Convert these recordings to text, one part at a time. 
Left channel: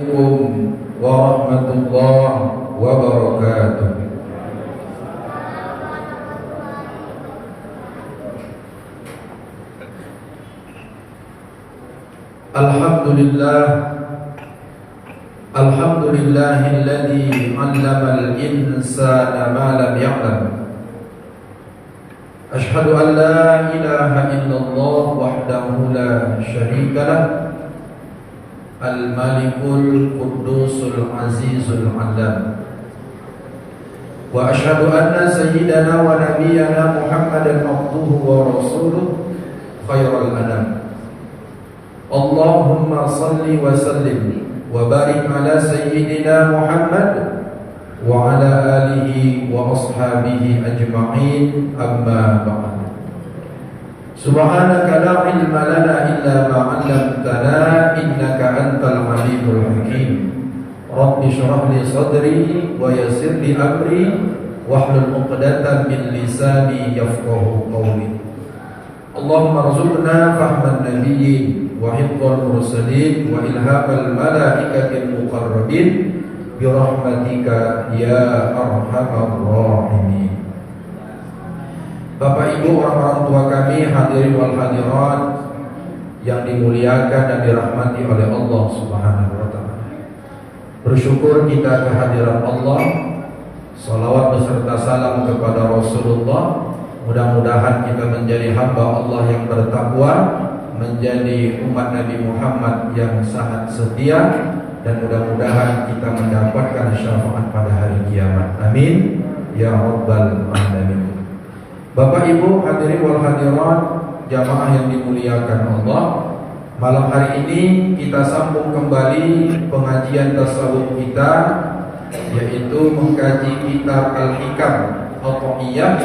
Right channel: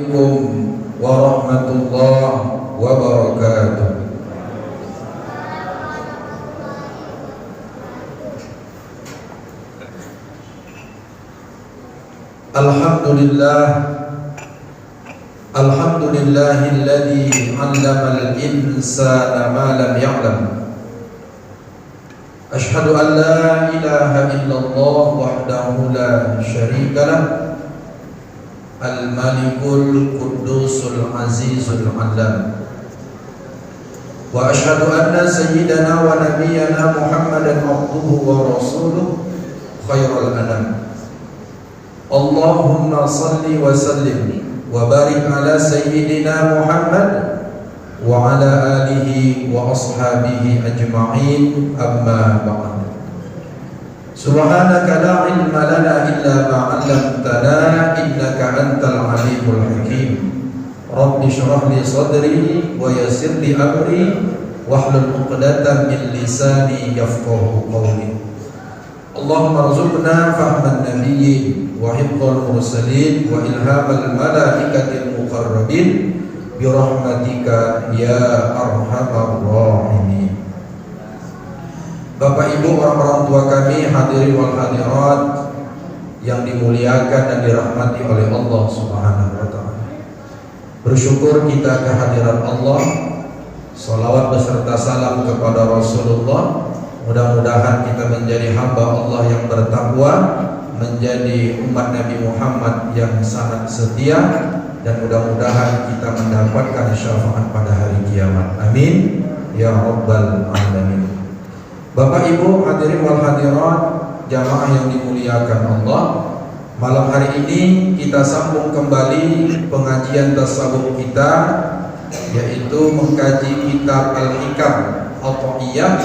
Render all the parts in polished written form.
Assalamualaikum warahmatullahi wabarakatuh. Alhamdulillahilladzi 'allamal insana ma lam ya'lam. Asyhadu an la ilaha illallah wahdahu la syarika lah. Al-Malikul Quddusul Azizul Alam. Wa asyhadu anna sayyidana wa nabiyyana Muhammadan abduhu wa rasuluh khairul anam. Allahumma salli wa sallim wa barik ala sayyidina Muhammad wa ala alihi wa ashabihi ajma'in, amma ba'd. Subhanaka la ilma lana illa ma 'allamtana innaka antal alimul hakim. Rabbi shrah li sadri wa yassir li amri wahlul 'uqdatam min lisani yafqahu qawli. Allahumma rzuqna fahman nabiyyin wa hifdzal mursalin wa ilhamal malaikatil muqarrabin bi rahmatika ya arhamar rahimin. Bapak Ibu, orang-orang tua kami, hadirin wal hadirat yang dimuliakan dan dirahmati oleh Allah Subhanahu wa taala. Bersyukur kita kehadiran Allah. Salawat beserta salam kepada Rasulullah. Mudah-mudahan kita menjadi hamba Allah yang bertakwa, menjadi umat Nabi Muhammad yang sangat setia, dan mudah-mudahan kita mendapatkan syafaat pada hari kiamat. Amin ya rabbal alamin. Bapak Ibu, hadirin wal hadirat, jamaah yang dimuliakan Allah, malam hari ini kita sambung kembali pengajian tasawuf kita, yaitu mengkaji kitab Al-Hikam Athaiyah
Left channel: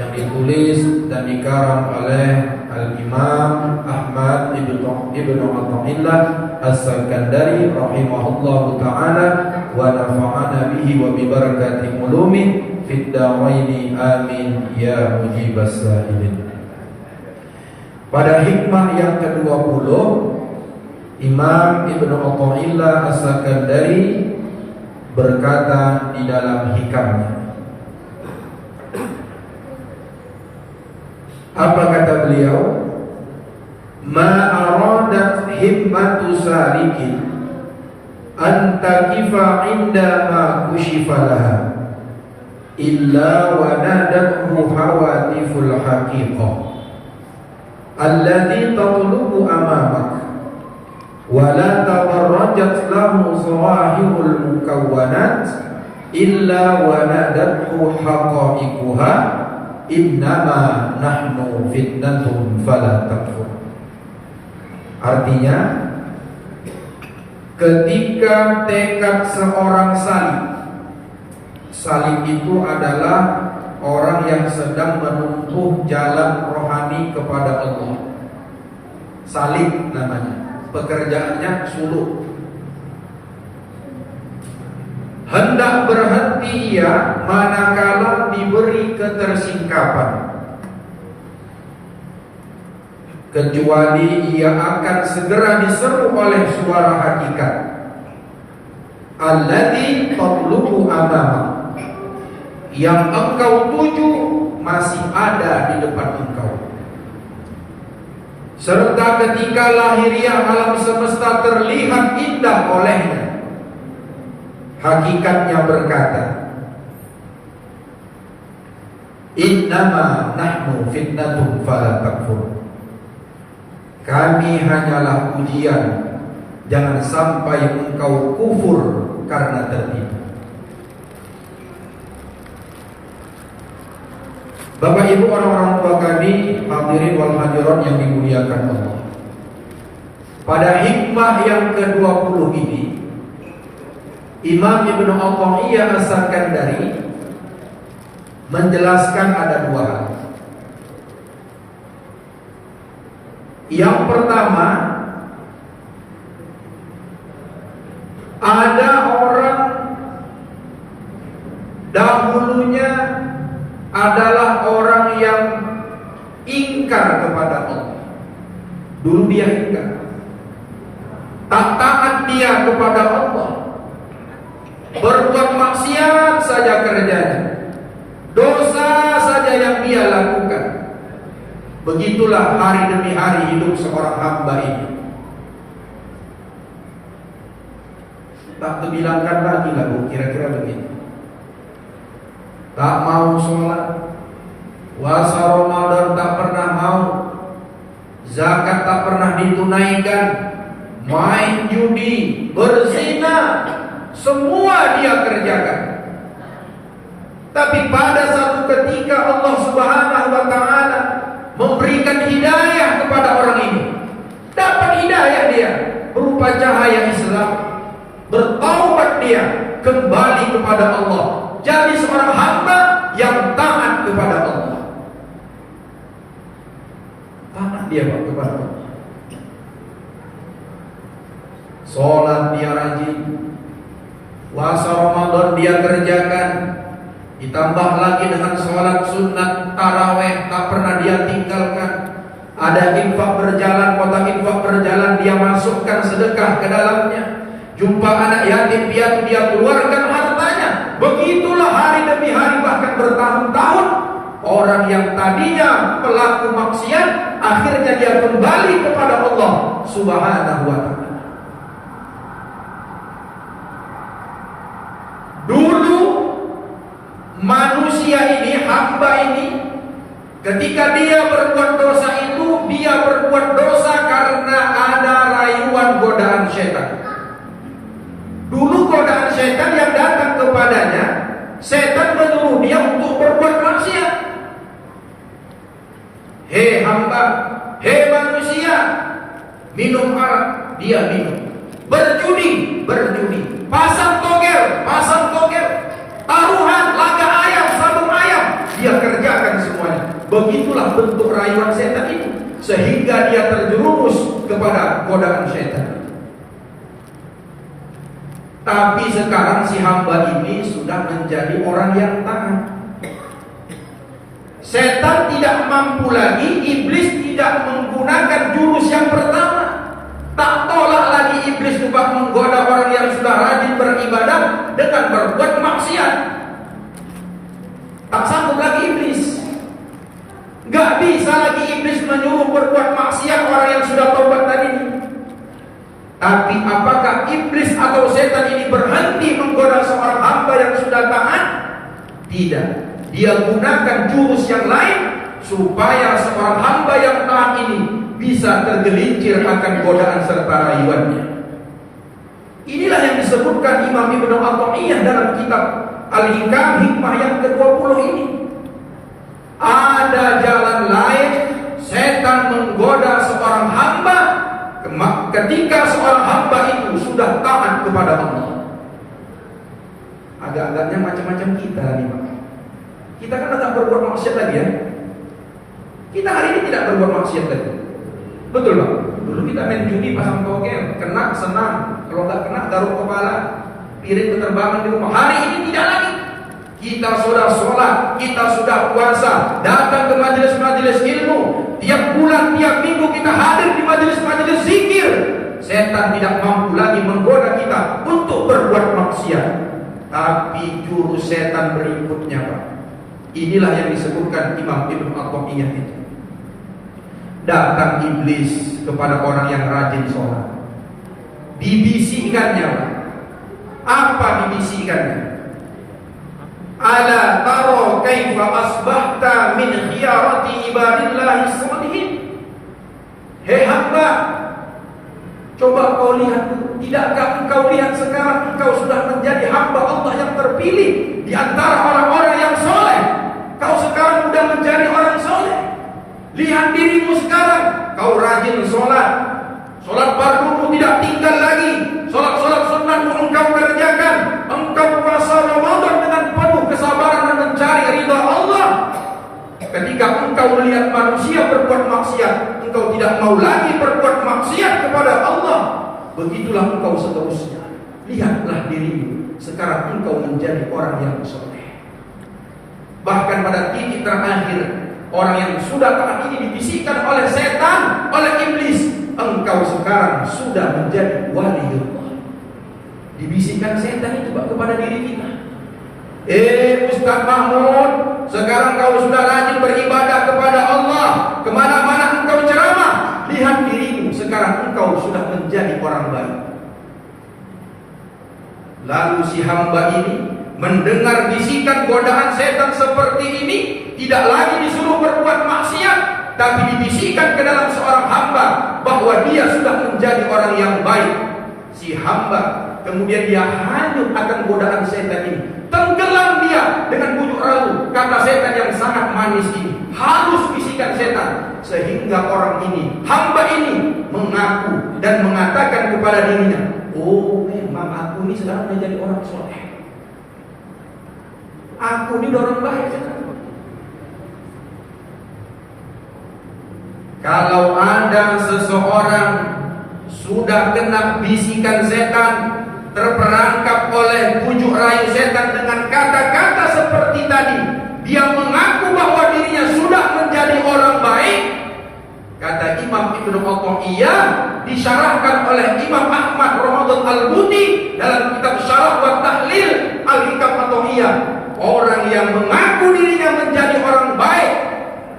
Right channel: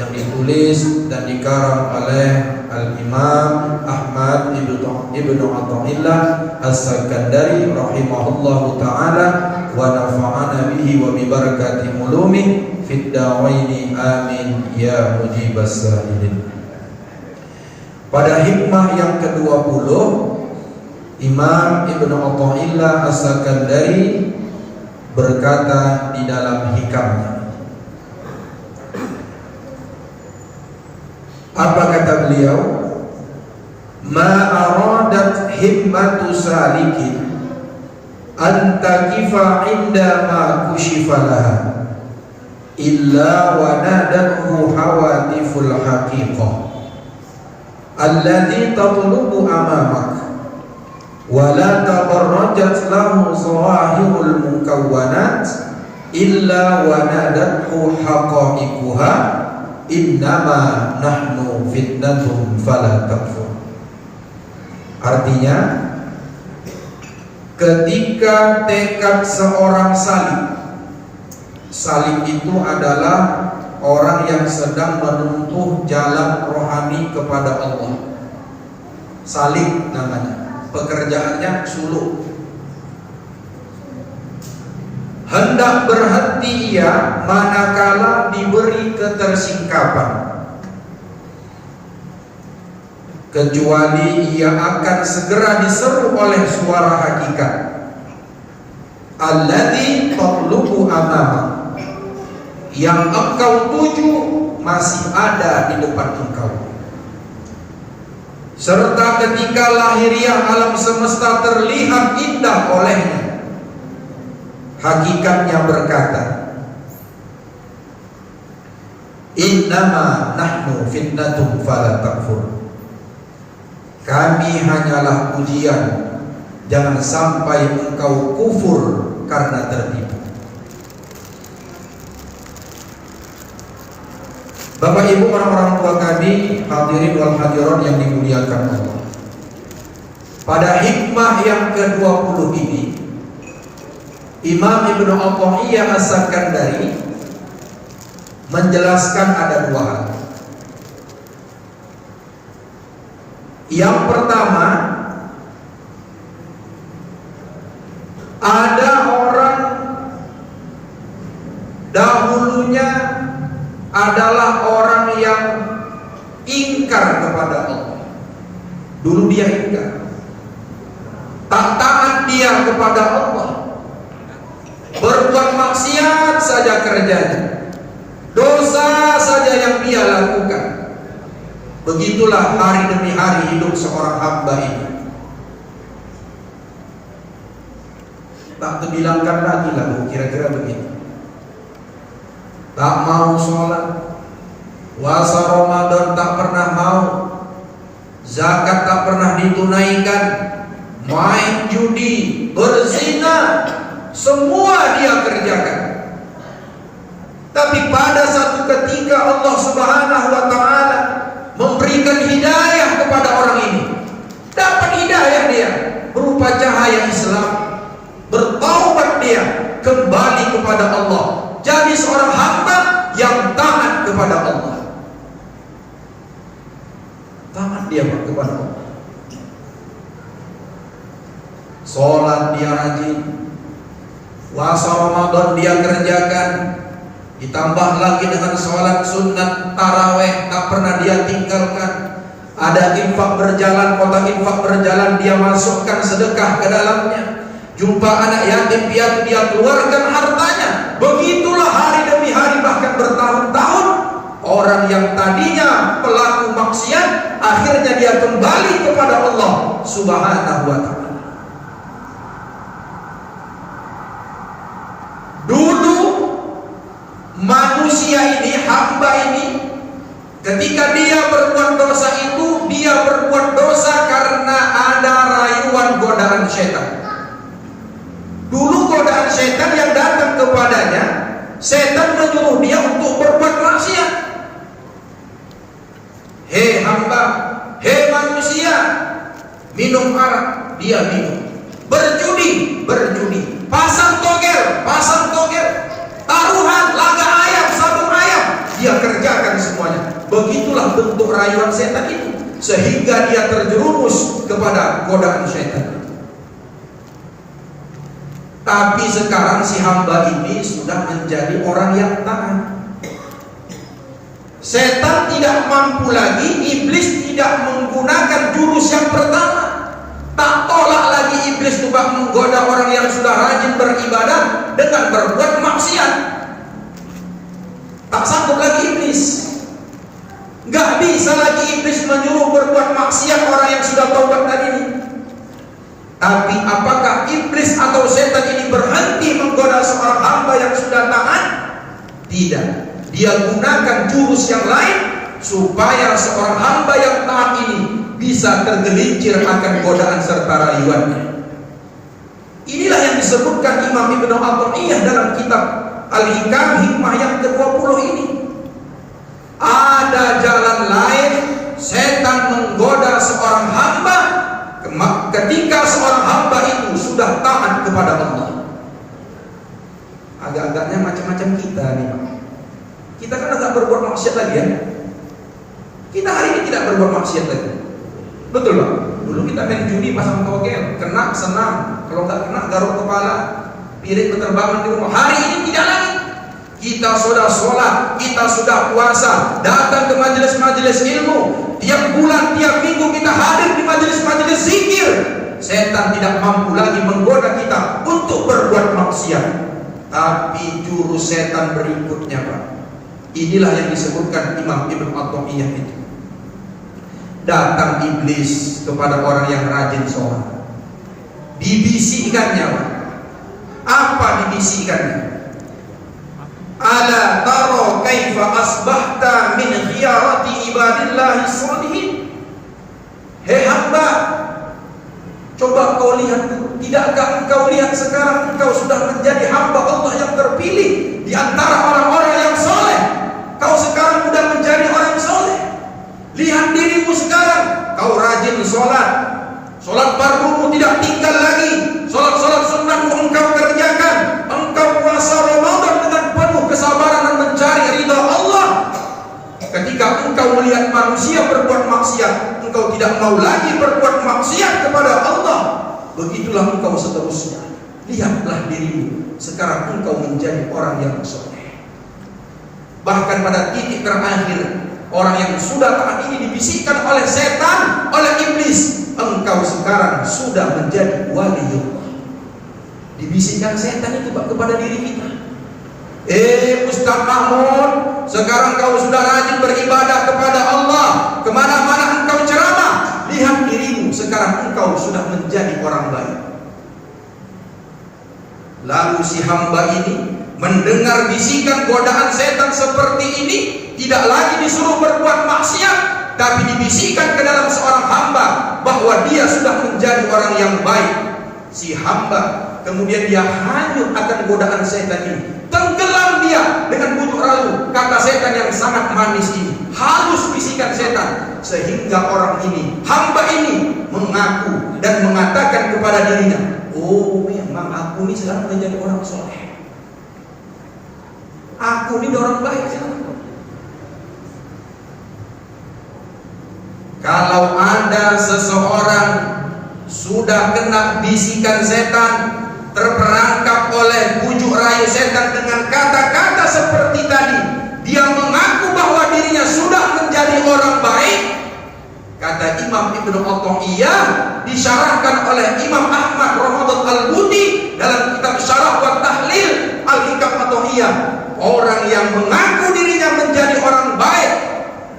yang ditulis dan dikarang oleh Al-Imam Ahmad Ibnu Athaillah As-Sakandari rahimahullahu ta'ala wa nafa'ana bihi wa bi barakati ulumih fid daraini amin ya mujibas sa'ilin. Pada hikmah yang ke-20, Imam Ibnu Athaillah As-Sakandari berkata di dalam hikamnya. Apa kata beliau? Ma aradat himmatu salikin an taqifa inda ma kushifa laha illa wa nadathu hawatiful haqiqah alladhi tatlubu amamak wa la tabarrajat lahu zawahirul mukawwanat illa wa nadathu haqa'iquha innama nahnu fitnatum fala takfur. Artinya, ketika tekad seorang salib itu adalah orang yang sedang menempuh jalan rohani kepada Allah. Salib namanya, pekerjaannya suluk. Hendak berhenti ia manakala diberi ketersingkapan, kecuali ia akan segera diseru oleh suara hakikat, alladzi tatlubu amama, yang engkau tuju masih ada di depan engkau. Serta ketika lahiriah alam semesta terlihat indah olehnya, hakikatnya berkata, innama nahnu fitnatum fala takfur. Kami hanyalah ujian, jangan sampai engkau kufur karena tertipu. Bapak Ibu, orang-orang tua kami, hadirin wal hadirat yang dimuliakan Allah, pada hikmah yang ke-20 ini Imam Ibnu Athaillah As-Sakandari menjelaskan ada dua hal. Yang pertama, ada orang dahulunya adalah orang yang ingkar kepada Allah. Dulu dia ingkar, tak taat dia kepada Allah. saja kerjanya, dosa saja yang dia lakukan. Begitulah hari demi hari hidup seorang hamba ini. Tak terbilangkan lagi lah, kira-kira begitu. Tak mau sholat, puasa Ramadan tak pernah mau, zakat tak pernah ditunaikan, main judi, berzina, semua dia kerjakan. Tapi pada satu ketika Allah Subhanahu wa ta'ala memberikan hidayah kepada orang ini. Dapat hidayah dia berupa cahaya Islam. Bertaubat dia, kembali kepada Allah, jadi seorang hamba yang taat kepada Allah. Taat dia kepada Allah. Sholat dia rajin, puasa Ramadan dia kerjakan, ditambah lagi dengan sholat sunat taraweh tak pernah dia tinggalkan. Ada infak berjalan, kotak infak berjalan dia masukkan sedekah ke dalamnya. Jumpa anak yatim piatu dia keluarkan hartanya. Begitulah hari demi hari, bahkan bertahun-tahun. Orang yang tadinya pelaku maksiat, akhirnya dia kembali kepada Allah Subhanahu wa ta'ala. Dulu manusia ini, hamba ini, ketika dia berbuat dosa itu, dia berbuat dosa karena ada rayuan godaan setan. Dulu godaan setan yang datang kepadanya, setan menyuruh dia untuk berbuat maksiat. Hei hamba, hei manusia, minum arak, dia minum. Berjudi, berjudi. Pasang togel, taruhan, laga ayam, sabung ayam, dia kerjakan semuanya. Begitulah bentuk rayuan setan itu, sehingga dia terjerumus kepada godaan setan. Tapi sekarang si hamba ini sudah menjadi orang yang taat. Setan tidak mampu lagi, iblis tidak menggunakan jurus yang pertama. Tak tolak lagi iblis coba menggoda orang yang sudah rajin beribadah dengan berbuat maksiat. Tak sanggup lagi iblis. Gak bisa lagi iblis menyuruh berbuat maksiat orang yang sudah taubat tadi. Tapi apakah iblis atau setan ini berhenti menggoda seorang hamba yang sudah taat? Tidak. Dia gunakan jurus yang lain supaya seorang hamba yang taat ini bisa tergelincir akan godaan serta rayuannya. Inilah yang disebutkan Imam Ibnu Athaillah dalam kitab Al-Hikam hikmah yang ke-20 ini. Ada jalan lain setan menggoda seorang hamba ketika seorang hamba itu sudah taat kepada Allah. Agak-agaknya macam-macam kita nih. Kita kan tidak berbuat maksiat lagi ya. Kita hari ini tidak berbuat maksiat lagi. Betul Pak? Dulu kita main judi, pasang togel, kena senam, kalau nggak kena garuk kepala, piring berterbangan di rumah. Hari ini tidak lagi. Kita sudah sholat, kita sudah puasa, datang ke majelis-majelis ilmu. Tiap bulan, tiap minggu kita hadir di majelis-majelis zikir. Setan tidak mampu lagi menggoda kita untuk berbuat maksiat. Tapi jurus setan berikutnya Pak, inilah yang disebutkan Imam Ibnu Athaillah itu. Datang iblis kepada orang yang rajin sholat, dibisikkannya Pak. Apa dibisikkannya? Ala taro kaifa asbahta min khiyarati ibadillahi sholihin. Hei hamba, coba kau lihat dulu. Tidakkah engkau lihat sekarang engkau sudah menjadi hamba Allah yang terpilih di antara orang-orang yang soleh. Kau sekarang sudah menjadi orang soleh. Lihat dirimu sekarang, kau rajin sholat. Sholat fardumu tidak tinggal lagi. Sholat-sholat sunnahmu engkau kerjakan. Engkau puasa Ramadan dengan penuh kesabaran dan mencari ridha Allah. Ketika engkau melihat manusia berbuat maksiat, engkau tidak mau lagi berbuat maksiat kepada Allah. Begitulah engkau seterusnya. Lihatlah dirimu, sekarang engkau menjadi orang yang soleh. Bahkan pada titik terakhir, orang yang sudah taat ini dibisikkan oleh setan, oleh iblis, engkau sekarang sudah menjadi wali Allah. Dibisikkan setan itu kepada diri kita. Ustaz Mahmud, sekarang kau sudah rajin beribadah kepada Allah, kemana-mana engkau ceramah, lihat dirimu, sekarang engkau sudah menjadi orang baik. Lalu si hamba ini mendengar bisikan godaan setan seperti ini, tidak lagi disuruh berbuat maksiat, tapi dibisikkan ke dalam seorang hamba bahwa dia sudah menjadi orang yang baik. Si hamba kemudian dia hanyut akan godaan setan ini, tenggelam dia dengan bujuk rayu kata setan yang sangat manis ini, halus bisikan setan, sehingga orang ini, hamba ini mengaku dan mengatakan kepada dirinya, oh memang aku ini sekarang menjadi orang soleh, aku ini orang baik sekarang. Kalau ada seseorang sudah kena bisikan setan, terperangkap oleh bujuk rayu setan dengan kata-kata seperti tadi, dia mengaku bahwa dirinya sudah menjadi orang baik. Kata Imam Ibnu Athaillah, disyarahkan oleh Imam Ahmad Ramadan Al-Buti dalam kitab Syarah wa Tahlil Al-Hikam Athaillah, orang yang mengaku dirinya menjadi orang baik,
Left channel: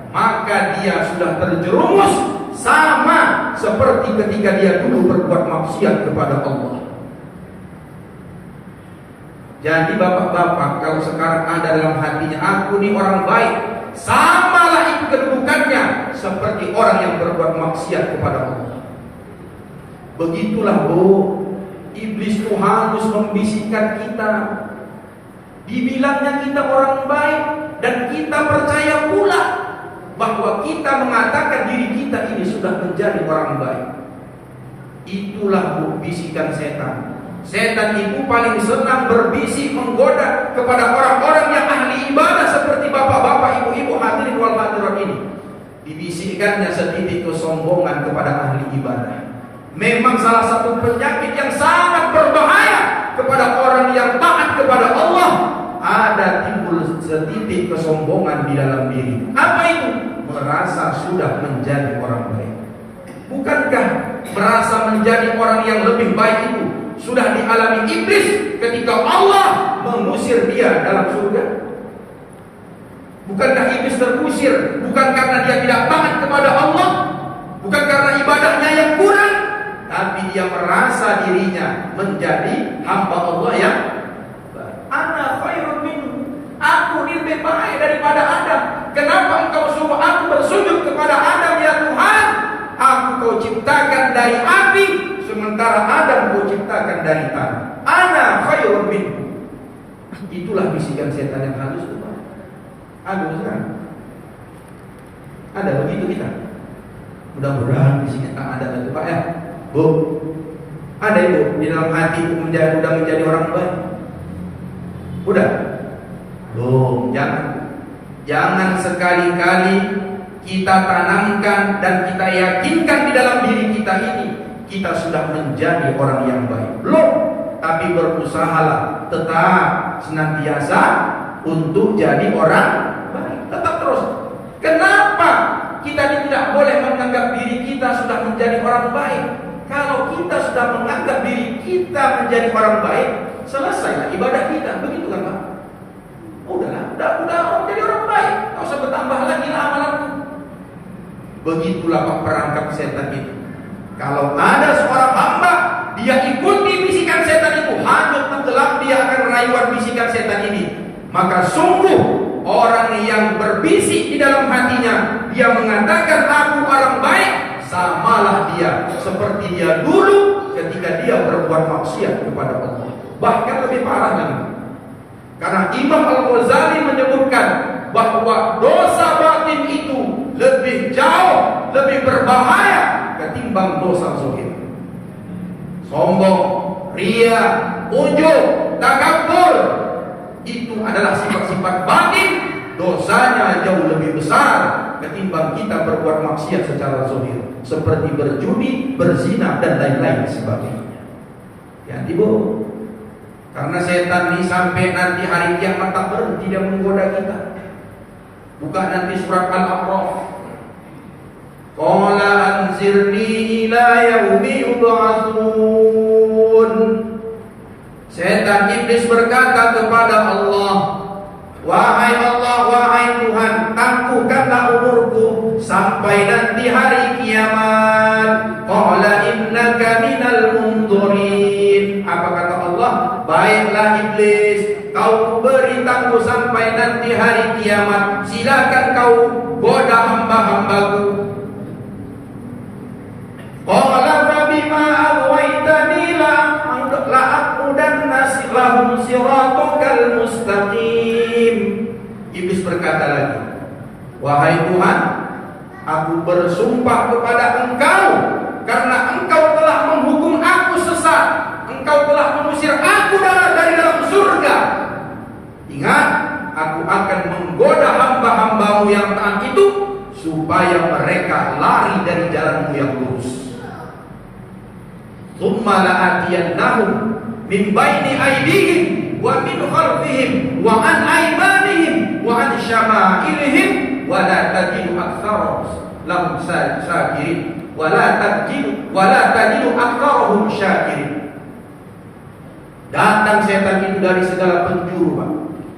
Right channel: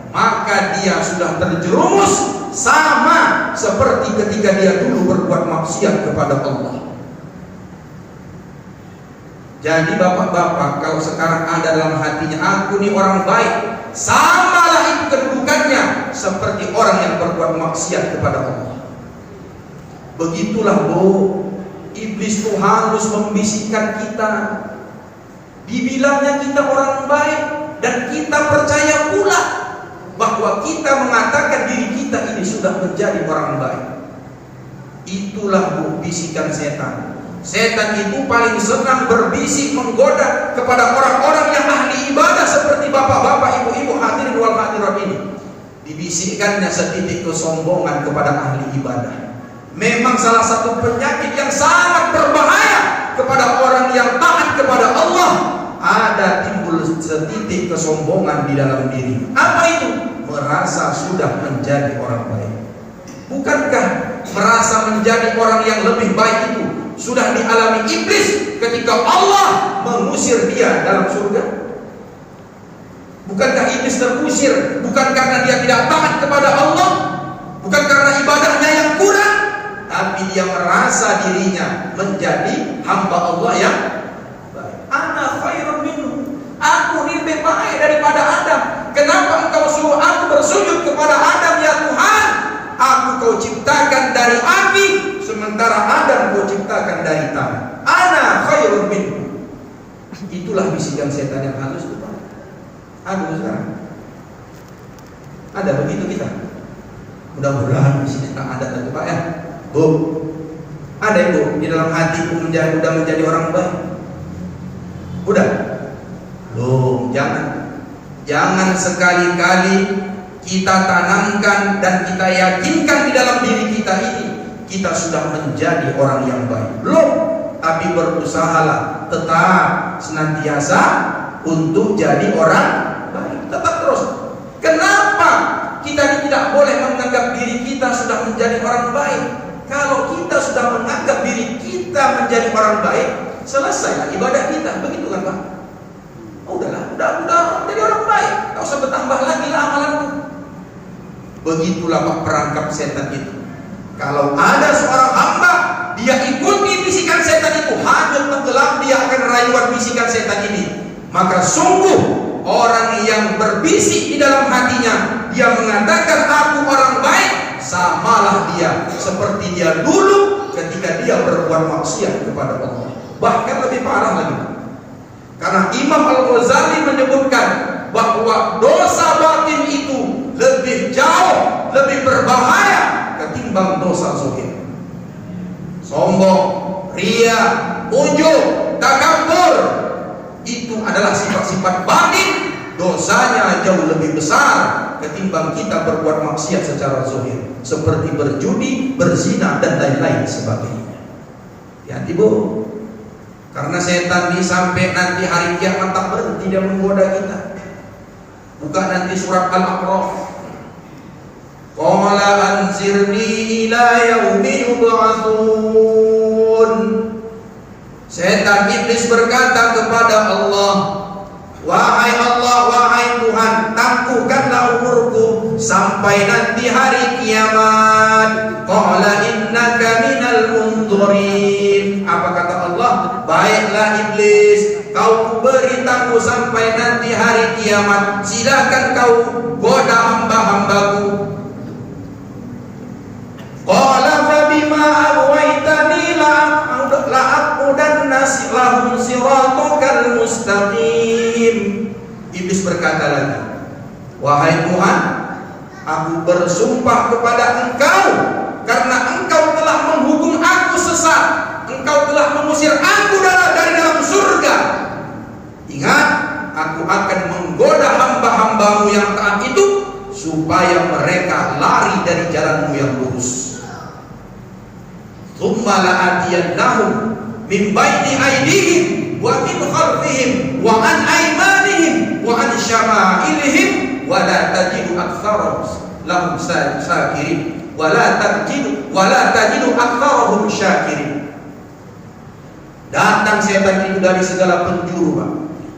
maka dia sudah terjerumus sama seperti ketika dia dulu berbuat maksiat kepada Allah. Jadi bapak-bapak, kalau sekarang ada dalam hatinya, aku ini orang baik, samalah itu kedudukannya seperti orang yang berbuat maksiat kepada Allah. Begitulah iblis itu harus membisikkan kita, dibilangnya kita orang baik, dan kita percaya pula bahwa kita mengatakan diri kita ini sudah menjadi orang baik. Itulah bisikan setan. Setan itu paling senang berbisik menggoda kepada orang-orang yang ahli ibadah seperti bapak-bapak, ibu-ibu hadirin wal hadirat ini. Dibisikkannya setitik kesombongan kepada ahli ibadah. Memang salah satu penyakit yang sangat berbahaya kepada orang yang taat kepada Allah, ada timbul setitik kesombongan di dalam diri. Apa itu? Merasa sudah menjadi orang baik. Bukankah merasa menjadi orang yang lebih baik itu sudah dialami iblis ketika Allah mengusir dia dalam surga? Bukankah iblis terusir bukan karena dia tidak taat kepada Allah, bukan karena ibadahnya yang kurang, tapi dia merasa dirinya menjadi hamba Allah yang baik. Ana khairun minhu, aku lebih baik daripada Adam. Kenapa engkau suruh aku bersujud kepada Adam ya Tuhan? Aku kau ciptakan dari api, sementara Adam kau ciptakan dari tanah. Ana khairun minhu. Itulah bisikan setan yang halus itu. Aduh sekarang ada begitu kita. Mudah-mudahan bisikan ada tentu Pak ya. Bu, ada ibu di dalam hati itu udah menjadi orang baik. Udah, belum. Jangan sekali-kali kita tanamkan dan kita yakinkan di dalam diri kita ini kita sudah menjadi orang yang baik. Belum, tapi berusahalah tetap senantiasa untuk jadi orang baik. Tetap terus. Kenapa kita tidak boleh menganggap diri kita sudah menjadi orang baik? Kalau kita sudah menganggap diri kita menjadi orang baik, selesailah ibadah kita. Begitu kan Pak? Udah jadi orang baik, tak usah bertambah lagi lah amalanku. Begitulah Pak perangkap setan itu. Kalau ada seorang hamba, dia ikuti bisikan setan itu, hanyut tenggelam dia akan rayuan bisikan setan ini. Maka sungguh orang yang berbisik di dalam hatinya, dia mengatakan aku orang baik, samalah dia seperti dia dulu ketika dia berbuat maksiat kepada Allah. Bahkan lebih parah lagi. Karena Imam Al-Ghazali menyebutkan bahwa dosa batin itu lebih jauh, lebih berbahaya ketimbang dosa zahir. Sombong, ria, ujub, takabur, itu adalah sifat-sifat batin. Dosanya jauh lebih besar ketimbang kita berbuat maksiat secara zahir, seperti berjudi, berzina dan lain-lain sebagainya. Ya, Ibu. Karena setan ini sampai nanti hari kiamat tak berhenti dia menggoda kita. Buka nanti surat Al-A'raf. Qala anzirni ila yaumi yub'atsun. Setan iblis berkata kepada Allah, wahai Allah, wahai Tuhan, tangguhkanlah umurku sampai nanti hari kiamat. Qala innaka minal munzirin. Apa kata Allah? Baiklah iblis, kau beri tangguh sampai nanti hari kiamat. Silakan kau goda hamba-hambaku. Qala fa bima aghwaytani la'aqudanna lahum siratakal mustaqim. Iblis berkata lagi, wahai Tuhan, aku bersumpah kepada Engkau karena Engkau telah menghukum aku sesat, Engkau telah mengusir aku dari dalam surga. Ingat, aku akan menggoda hamba-hambamu yang taat itu supaya mereka lari dari jalanmu yang lurus. Tsumma la'atiyannahum min baini aydihim wa min khalfihim wa an aymanihim wa an syama'ilihim wa la tajidu aktsarahum lahum syakirin wa la tajidu aktsarahum syakirin. Datang setan itu dari segala penjuru, Pak.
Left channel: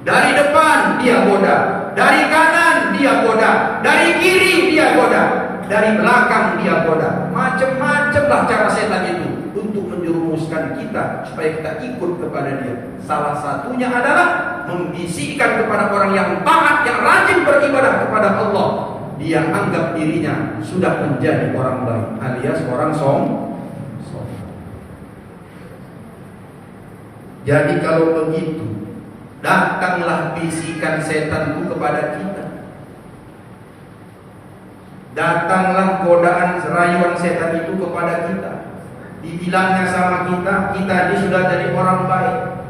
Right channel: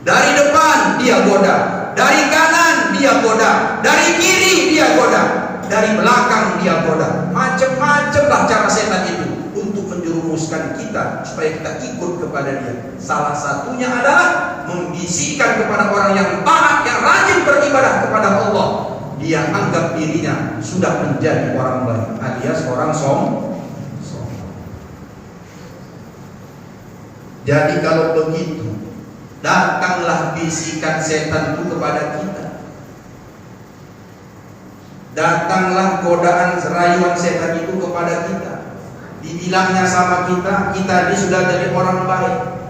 Dari depan dia goda, dari kanan dia goda, dari kiri dia goda, dari belakang dia goda. Macam-macam lah cara setan itu untuk menjerumuskan kita supaya kita ikut kepada dia. Salah satunya adalah membisikkan kepada orang yang taat, yang rajin beribadah kepada Allah. Dia anggap dirinya sudah menjadi orang baik, alias orang sombong. Jadi kalau begitu, datanglah bisikan setan itu kepada kita. Datanglah godaan rayuan setan itu kepada kita. Dibilangnya sama kita, kita ini sudah jadi orang baik.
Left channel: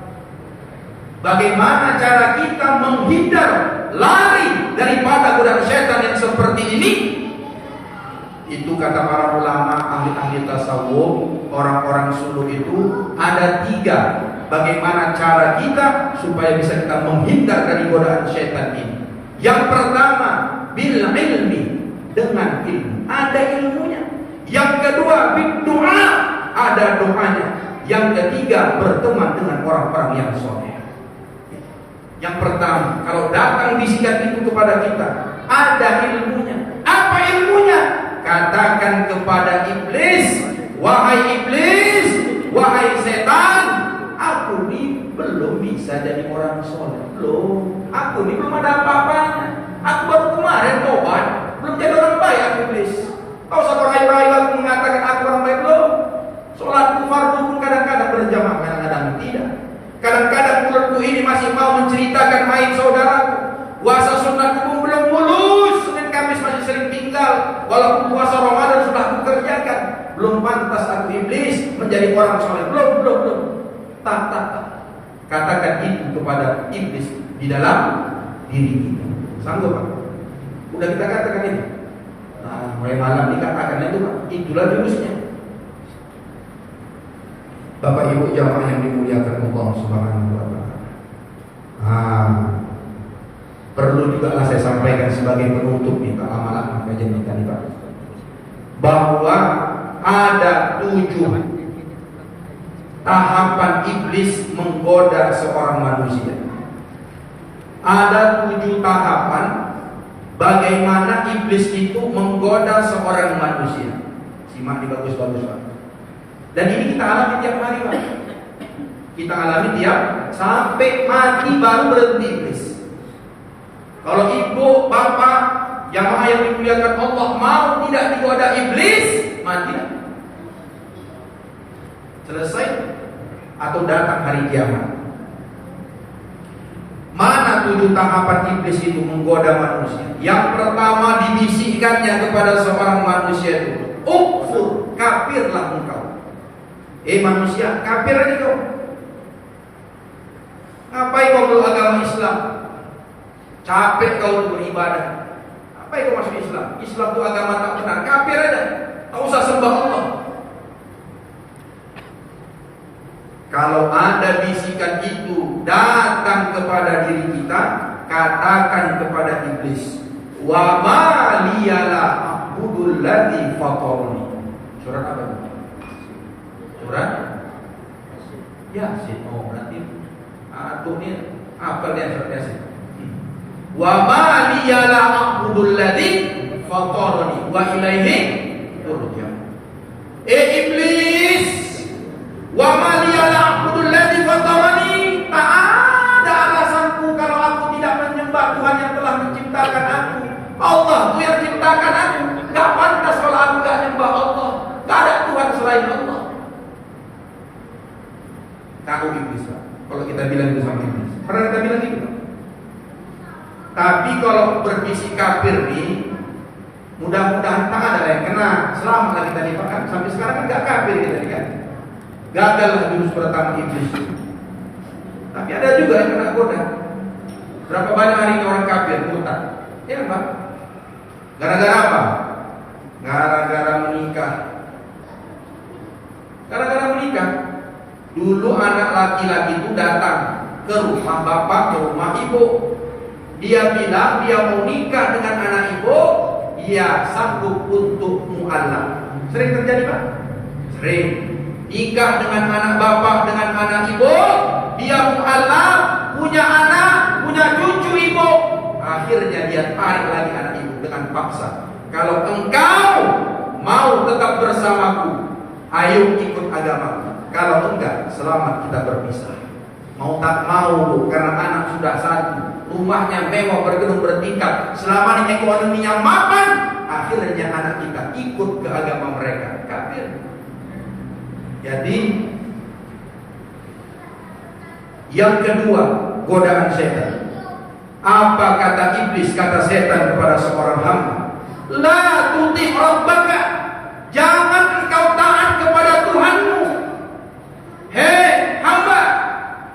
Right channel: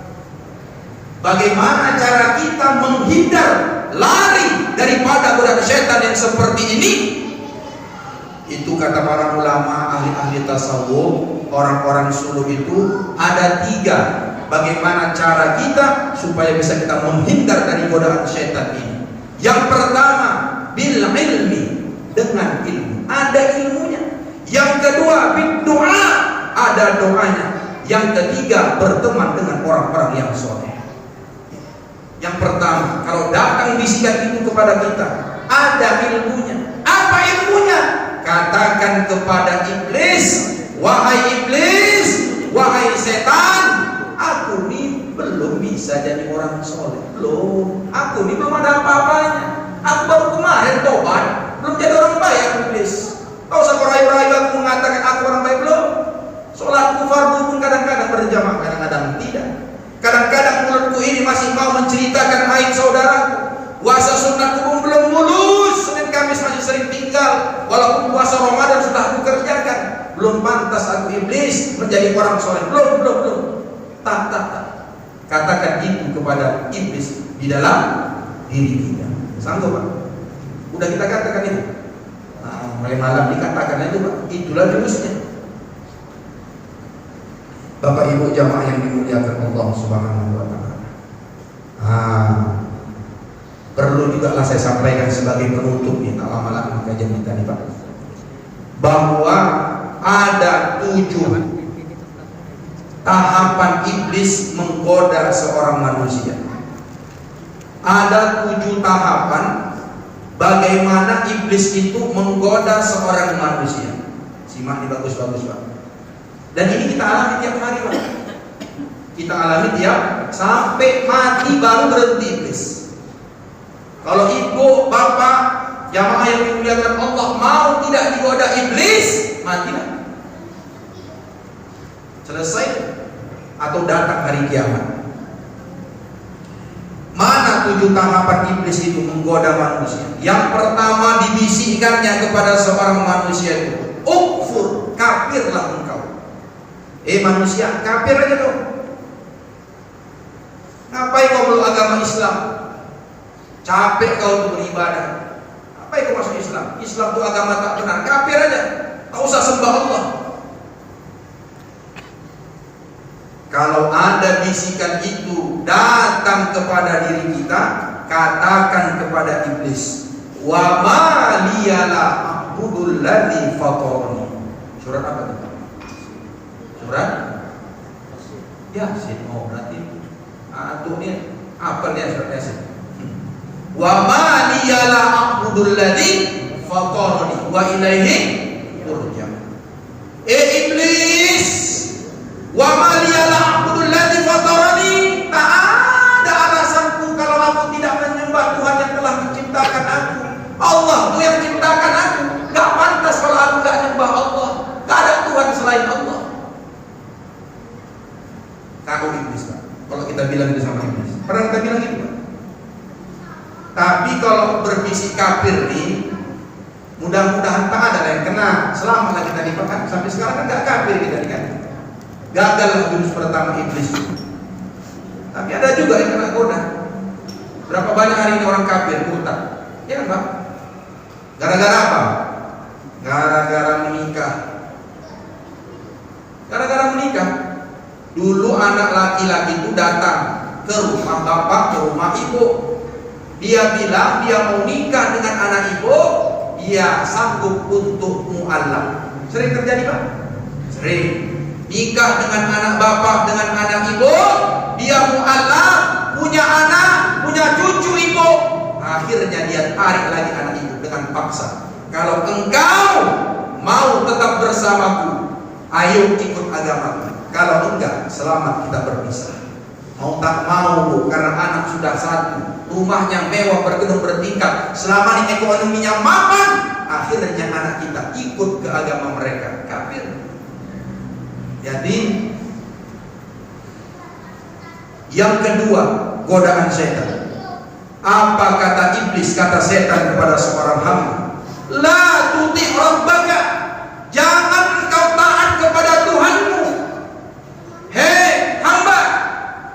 Bagaimana cara kita menghindar, lari daripada godaan setan yang seperti ini? Itu kata para ulama, ahli-ahli tasawuf, orang-orang suluh itu ada 3. Bagaimana cara kita supaya bisa kita menghindar dari godaan setan ini? Yang pertama, bil ilmi, dengan ilmu, ada ilmunya. Yang kedua, bil doa, ada doanya. Yang ketiga, berteman dengan orang-orang yang soleh. Yang pertama, kalau datang bisikan itu kepada kita, ada ilmunya. Apa ilmunya? Katakan kepada iblis, wahai iblis, wahai setan, aku ini belum bisa jadi orang soleh. Belum. Aku ini belum ada apa-apanya. Aku baru kemarin tobat, belum jadi orang baik. Aku iblis. Kau usah merayu-rayu aku mengatakan aku orang baik. Belum. Sholatku fardu pun kadang-kadang berjamaah, kadang-kadang tidak. Kadang-kadang mulutku ini masih mau menceritakan aib saudaraku. Puasa sunatku pun belum mulus. Senin Kamis masih sering tinggal. Walaupun puasa Ramadan sudah aku kerjakan. Belum pantas aku iblis menjadi orang soleh. Belum. Tak. Katakan itu kepada iblis di dalam diri kita. Sanggup, Pak? Udah kita katakan itu. Nah, mulai malam dikatakan itu, Pak. Itulah jurusnya. Bapak Ibu jamaah yang dimuliakan Allah Subhanahu wa taala. Perlu juga lah saya sampaikan sebagai penutup nih kalau malam kajian kita nih, Pak. Bahwa ada 7 tahapan iblis menggoda seorang manusia. Ada 7 tahapan bagaimana iblis itu menggoda seorang manusia. Simak ini bagus-bagus, Pak. Dan ini kita alami tiap hari, Pak. Kita alami tiap sampai mati baru berhenti iblis. Kalau ibu, bapak, jamaah yang dimuliakan Allah mau tidak digoda iblis, mati. Selesai atau datang hari kiamat. Mana 7 tahapan iblis itu menggoda manusia? Yang pertama dibisikkannya kepada seorang manusia itu, ukfur, kafirlah engkau. Manusia, kafir aja dong. Ngapain kau belum agama Islam? Capek kau untuk beribadah. Ngapain kau masuk Islam? Islam itu agama tak benar. Kafir aja. Tak usah sembah Allah. Kalau ada bisikan itu datang kepada diri kita, katakan kepada iblis, wa ma liyala a'budul ladzi fatarani. Surat apa itu? Surat Yasin. Oh berarti tuh ini apa dia surat Yasin? Wa ma liyala a'budul ladzi fatarani wa ilaihi turja'un. Iblis, wa ma liyala a'budul ladzi fatarani, tak ada alasanku kalau aku tidak menyembah Tuhan yang telah menciptakan aku. Allah tuh yang ciptakan aku. Gak pantas kalau aku gak nyembah Allah. Gak ada Tuhan selain Allah. Kaku iblis, Pak. Kalau kita bilang itu sama iblis, pernah kita bilang gitu, Pak. Tapi kalau berbisik kafir nih, mudah-mudahan tak ada yang kena. Selama kita dipakai sampai sekarang kan gak kafir kita diganti. Gagal lah jurus pertama iblis. Tapi ada juga yang kena goda. Berapa banyak hari ini orang kafir murtad? Ya, Pak. Gara-gara apa? Gara-gara menikah. Gara-gara menikah. Dulu anak laki-laki itu datang ke rumah bapak, ke rumah ibu. Dia bilang dia mau nikah dengan anak ibu, dia sanggup untuk mu'alaf. Sering terjadi, Pak? Sering. Nikah dengan anak bapak, dengan anak ibu, dia mu'alaf, punya anak, punya cucu ibu. Akhirnya dia tarik lagi anak ibu dengan paksa. Kalau engkau mau tetap bersamaku, ayo ikut agamaku. Kalau enggak, selamat kita berpisah. Mau tak mau, karena anak sudah satu, rumahnya mewah, bergedung bertingkat, selama ini ekonominya mapan, akhirnya anak kita ikut ke agama mereka, kafir. Jadi yang kedua, godaan setan. Apa kata iblis, kata setan kepada seorang hamba? La tuti' rabbaka, jangan engkau taat kepada Tuhanmu. Hei hamba,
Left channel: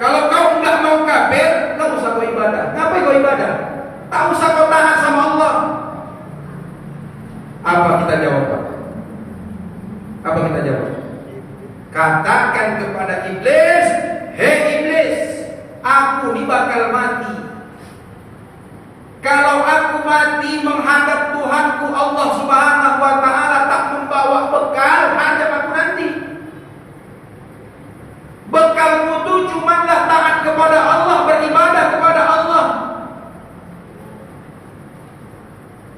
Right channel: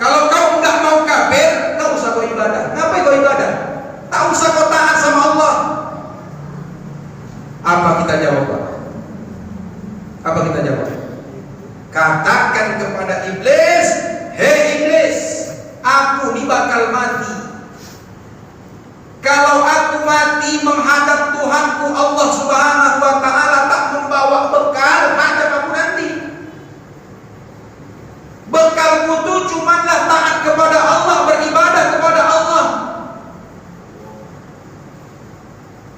kalau kau enggak mau kafir, enggak usah kau ibadah. Ngapain kau ibadah? Tak usah kau taat sama Allah. Apa kita jawab, Pak? Apa kita jawab? Katakan kepada iblis, hei iblis, aku ini bakal mati. Kalau aku mati menghadap Tuhanku Allah Subhanahu wa ta'ala, tak membawa bekal, hadap aku nanti. Bekalku itu cumanlah taat kepada Allah, beribadah kepada Allah.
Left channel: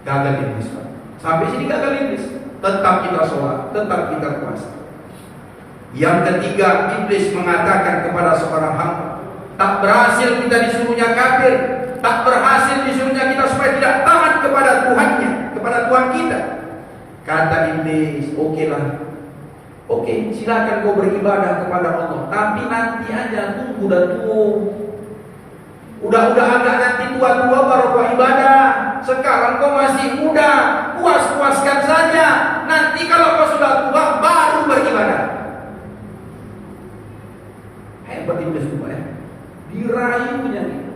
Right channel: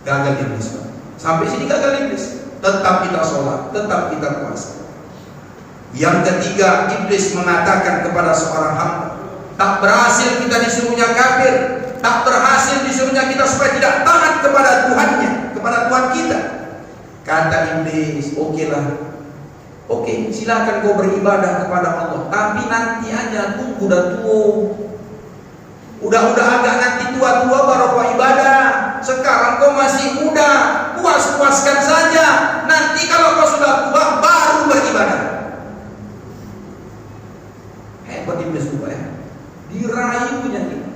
Gagal iblis, Pak. Sampai sini gagal iblis. Tetap kita sholat, tetap kita puasa. Yang ketiga, iblis mengatakan kepada seorang hamba, tak berhasil kita disuruhnya kafir, tak berhasil disuruhnya kita supaya tidak taat kepada Tuhannya, kepada Tuhan kita. Kata iblis, oke, silakan kau beribadah kepada Allah, tapi nanti aja, tunggu dan tunggu. Udah agak nanti tua-tua baru kau ibadah. Sekarang kau masih muda, puas-puaskan saja. Nanti kalau kau sudah tua baru beribadah. Hebat iblis juga ya. Dirayunya gitu.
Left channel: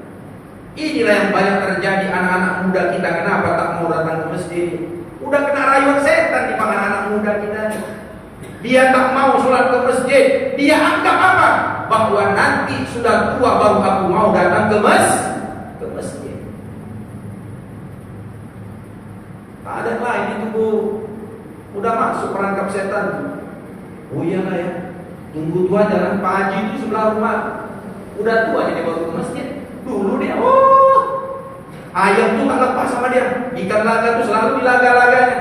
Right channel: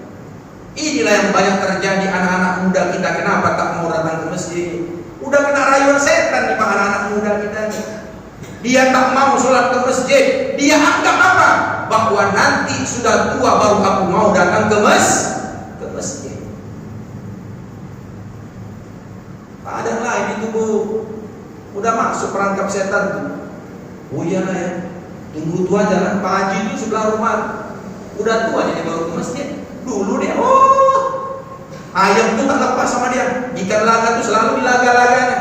Inilah yang banyak terjadi anak-anak muda kita. Kenapa tak mau datang ke masjid? Udah kena rayuan setan nih Pak, anak-anak muda kita nih. Dia tak mau sholat ke masjid. Dia anggap apa? Bahwa nanti sudah tua baru aku mau datang ke masjid. Tak ada yang lain itu, Bu. Udah masuk perangkap setan. Oh iya lah ya. Tunggu tua jalan Pak Haji itu sebelah rumah. Udah tua dia baru ke masjid. Dulu dia, ayam tuh tak lepas sama dia. Ikan laga tuh selalu dilaga-laganya.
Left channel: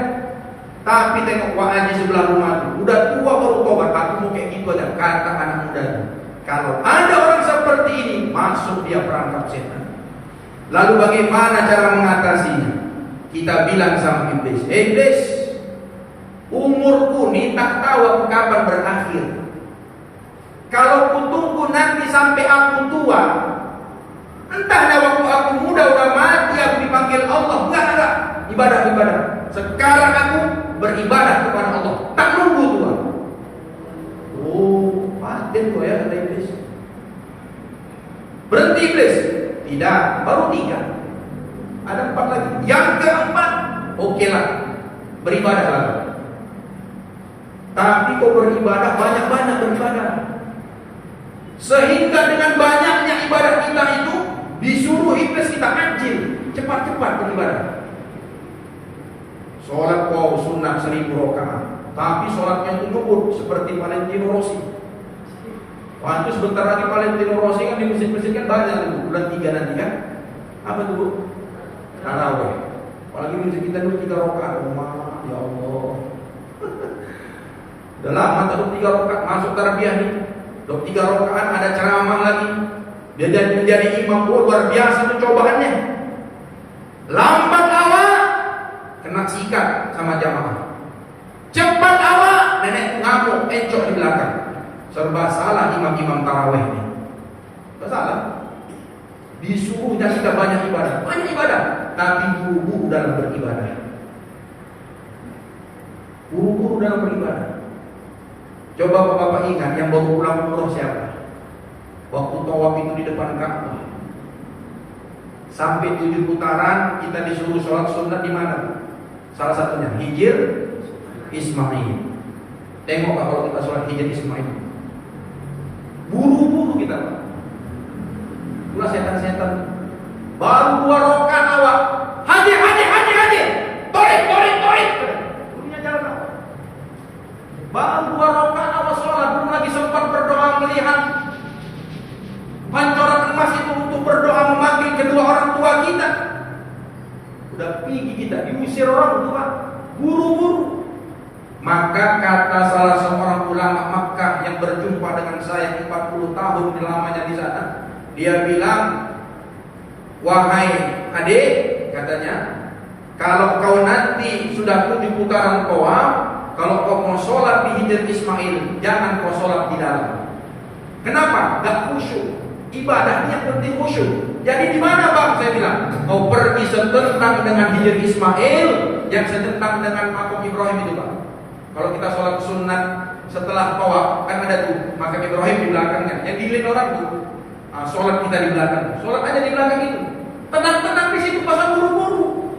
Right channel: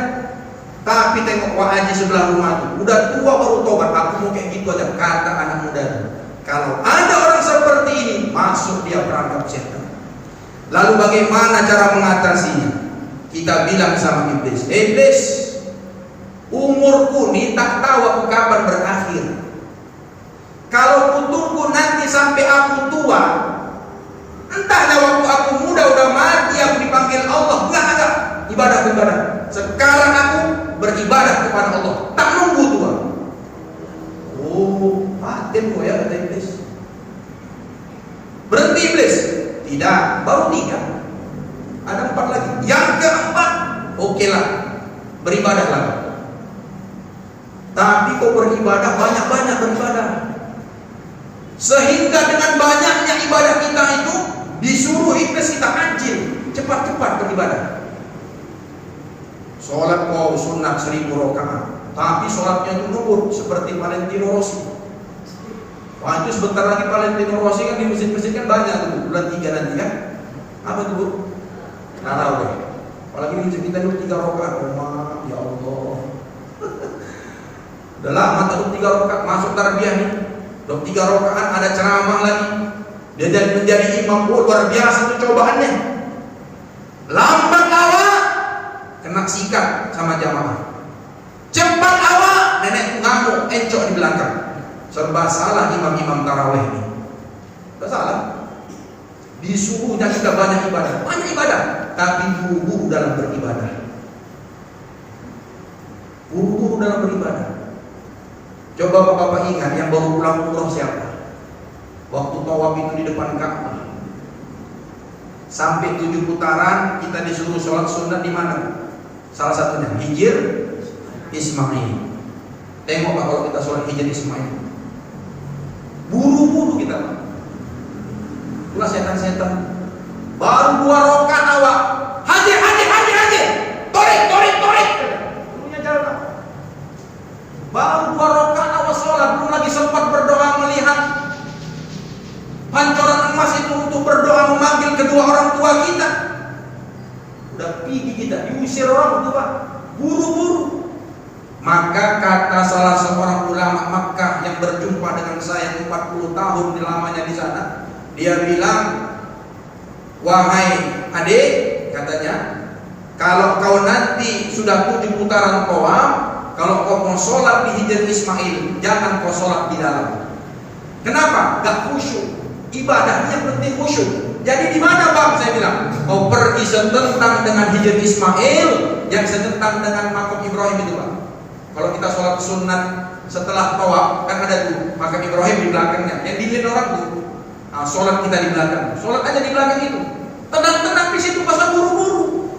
Tapi tengok Pak Haji sebelah rumah tuh, udah tua baru tobat. Aku mau kayak gitu aja, kata anak muda. Kalau ada orang seperti ini, masuk dia perangkap setan. Lalu bagaimana cara mengatasinya? Kita bilang sama iblis, iblis, umurku nih tak tahu aku kapan berakhir. Kalau ku tunggu nanti sampai aku tua, entahnya waktu aku muda udah mati aku dipanggil Allah. Enggak, ibadah. Sekarang aku beribadah kepada Allah, tak nunggu tua. Oh, paten kok ya kata iblis. Berhenti iblis? Tidak, baru 3. Ada 4 lagi. Yang keempat, oke lah, beribadahlah. Tapi kau beribadah, banyak-banyak beribadah. Sehingga dengan banyaknya ibadah kita itu disuruh iblis kita anjing, cepat-cepat beribadah. Sholat kau sunat 1000 rakaat, tapi sholatnya itu nubut seperti Valentino Rossi. Wah, itu sebentar lagi Valentino Rossi kan di masjid-masjid kan banyak tuh, bulan 3 nanti kan. Apa tuh Bu? Tarawih. Apalagi masjid kita dulu 3 rakaat. Ya Allah. Udah lama tuh 3 rakaat masuk tarbiyah nih. 3 rakaat ada ceramah lagi. Dia jadi menjadi imam. Luar biasa tuh cobaannya. Lambat awal kena sikat sama jamaah. Cepat awal nenek ngamuk encok di belakang. Serba salah imam-imam tarawih ini. Tidak salah. Disuruhnya kita banyak ibadah, tapi buru-buru dalam beribadah. Buru-buru dalam beribadah. Coba bapak-bapak ingat yang baru pulang umroh siapa? Waktu tawaf itu di depan Ka'bah. Sampai 7 putaran kita disuruh sholat sunat di mana? Salah satunya Hijr Ismail. Tengok kalau kita sholat Hijr Ismail. Buru-buru kita. Itulah setan-setan. Baru 2 rakaat awal. Haji. Torik. Gurunya jalan apa? Baru 2 rakaat awal sholat, belum lagi sempat berdoa melihat pancoran emas itu untuk berdoa memanggil kedua orang tua kita. Udah pergi kita, diusir orang tua. Buru-buru. Maka kata salah seorang ulama Makkah yang berjumpa dengan saya 40 tahun lamanya di sana, dia bilang, wahai adik, katanya, kalau kau nanti sudah 7 putaran tawaf, kalau kau mau sholat di Hijr Ismail, jangan kau sholat di dalam. Kenapa? Gak khusyuk. Ibadahnya penting khusyuk. Jadi di mana bang? Saya bilang, kau pergi setentang dengan Hijr Ismail, yang setentang dengan makam Ibrahim itu bang. Kalau kita sholat sunat setelah tawaf kan ada tuh makam Ibrahim di belakangnya. Yang dilihat orang tuh, sholat kita di belakang. Sholat aja di belakang itu. Tenang-tenang di situ, masa buru-buru.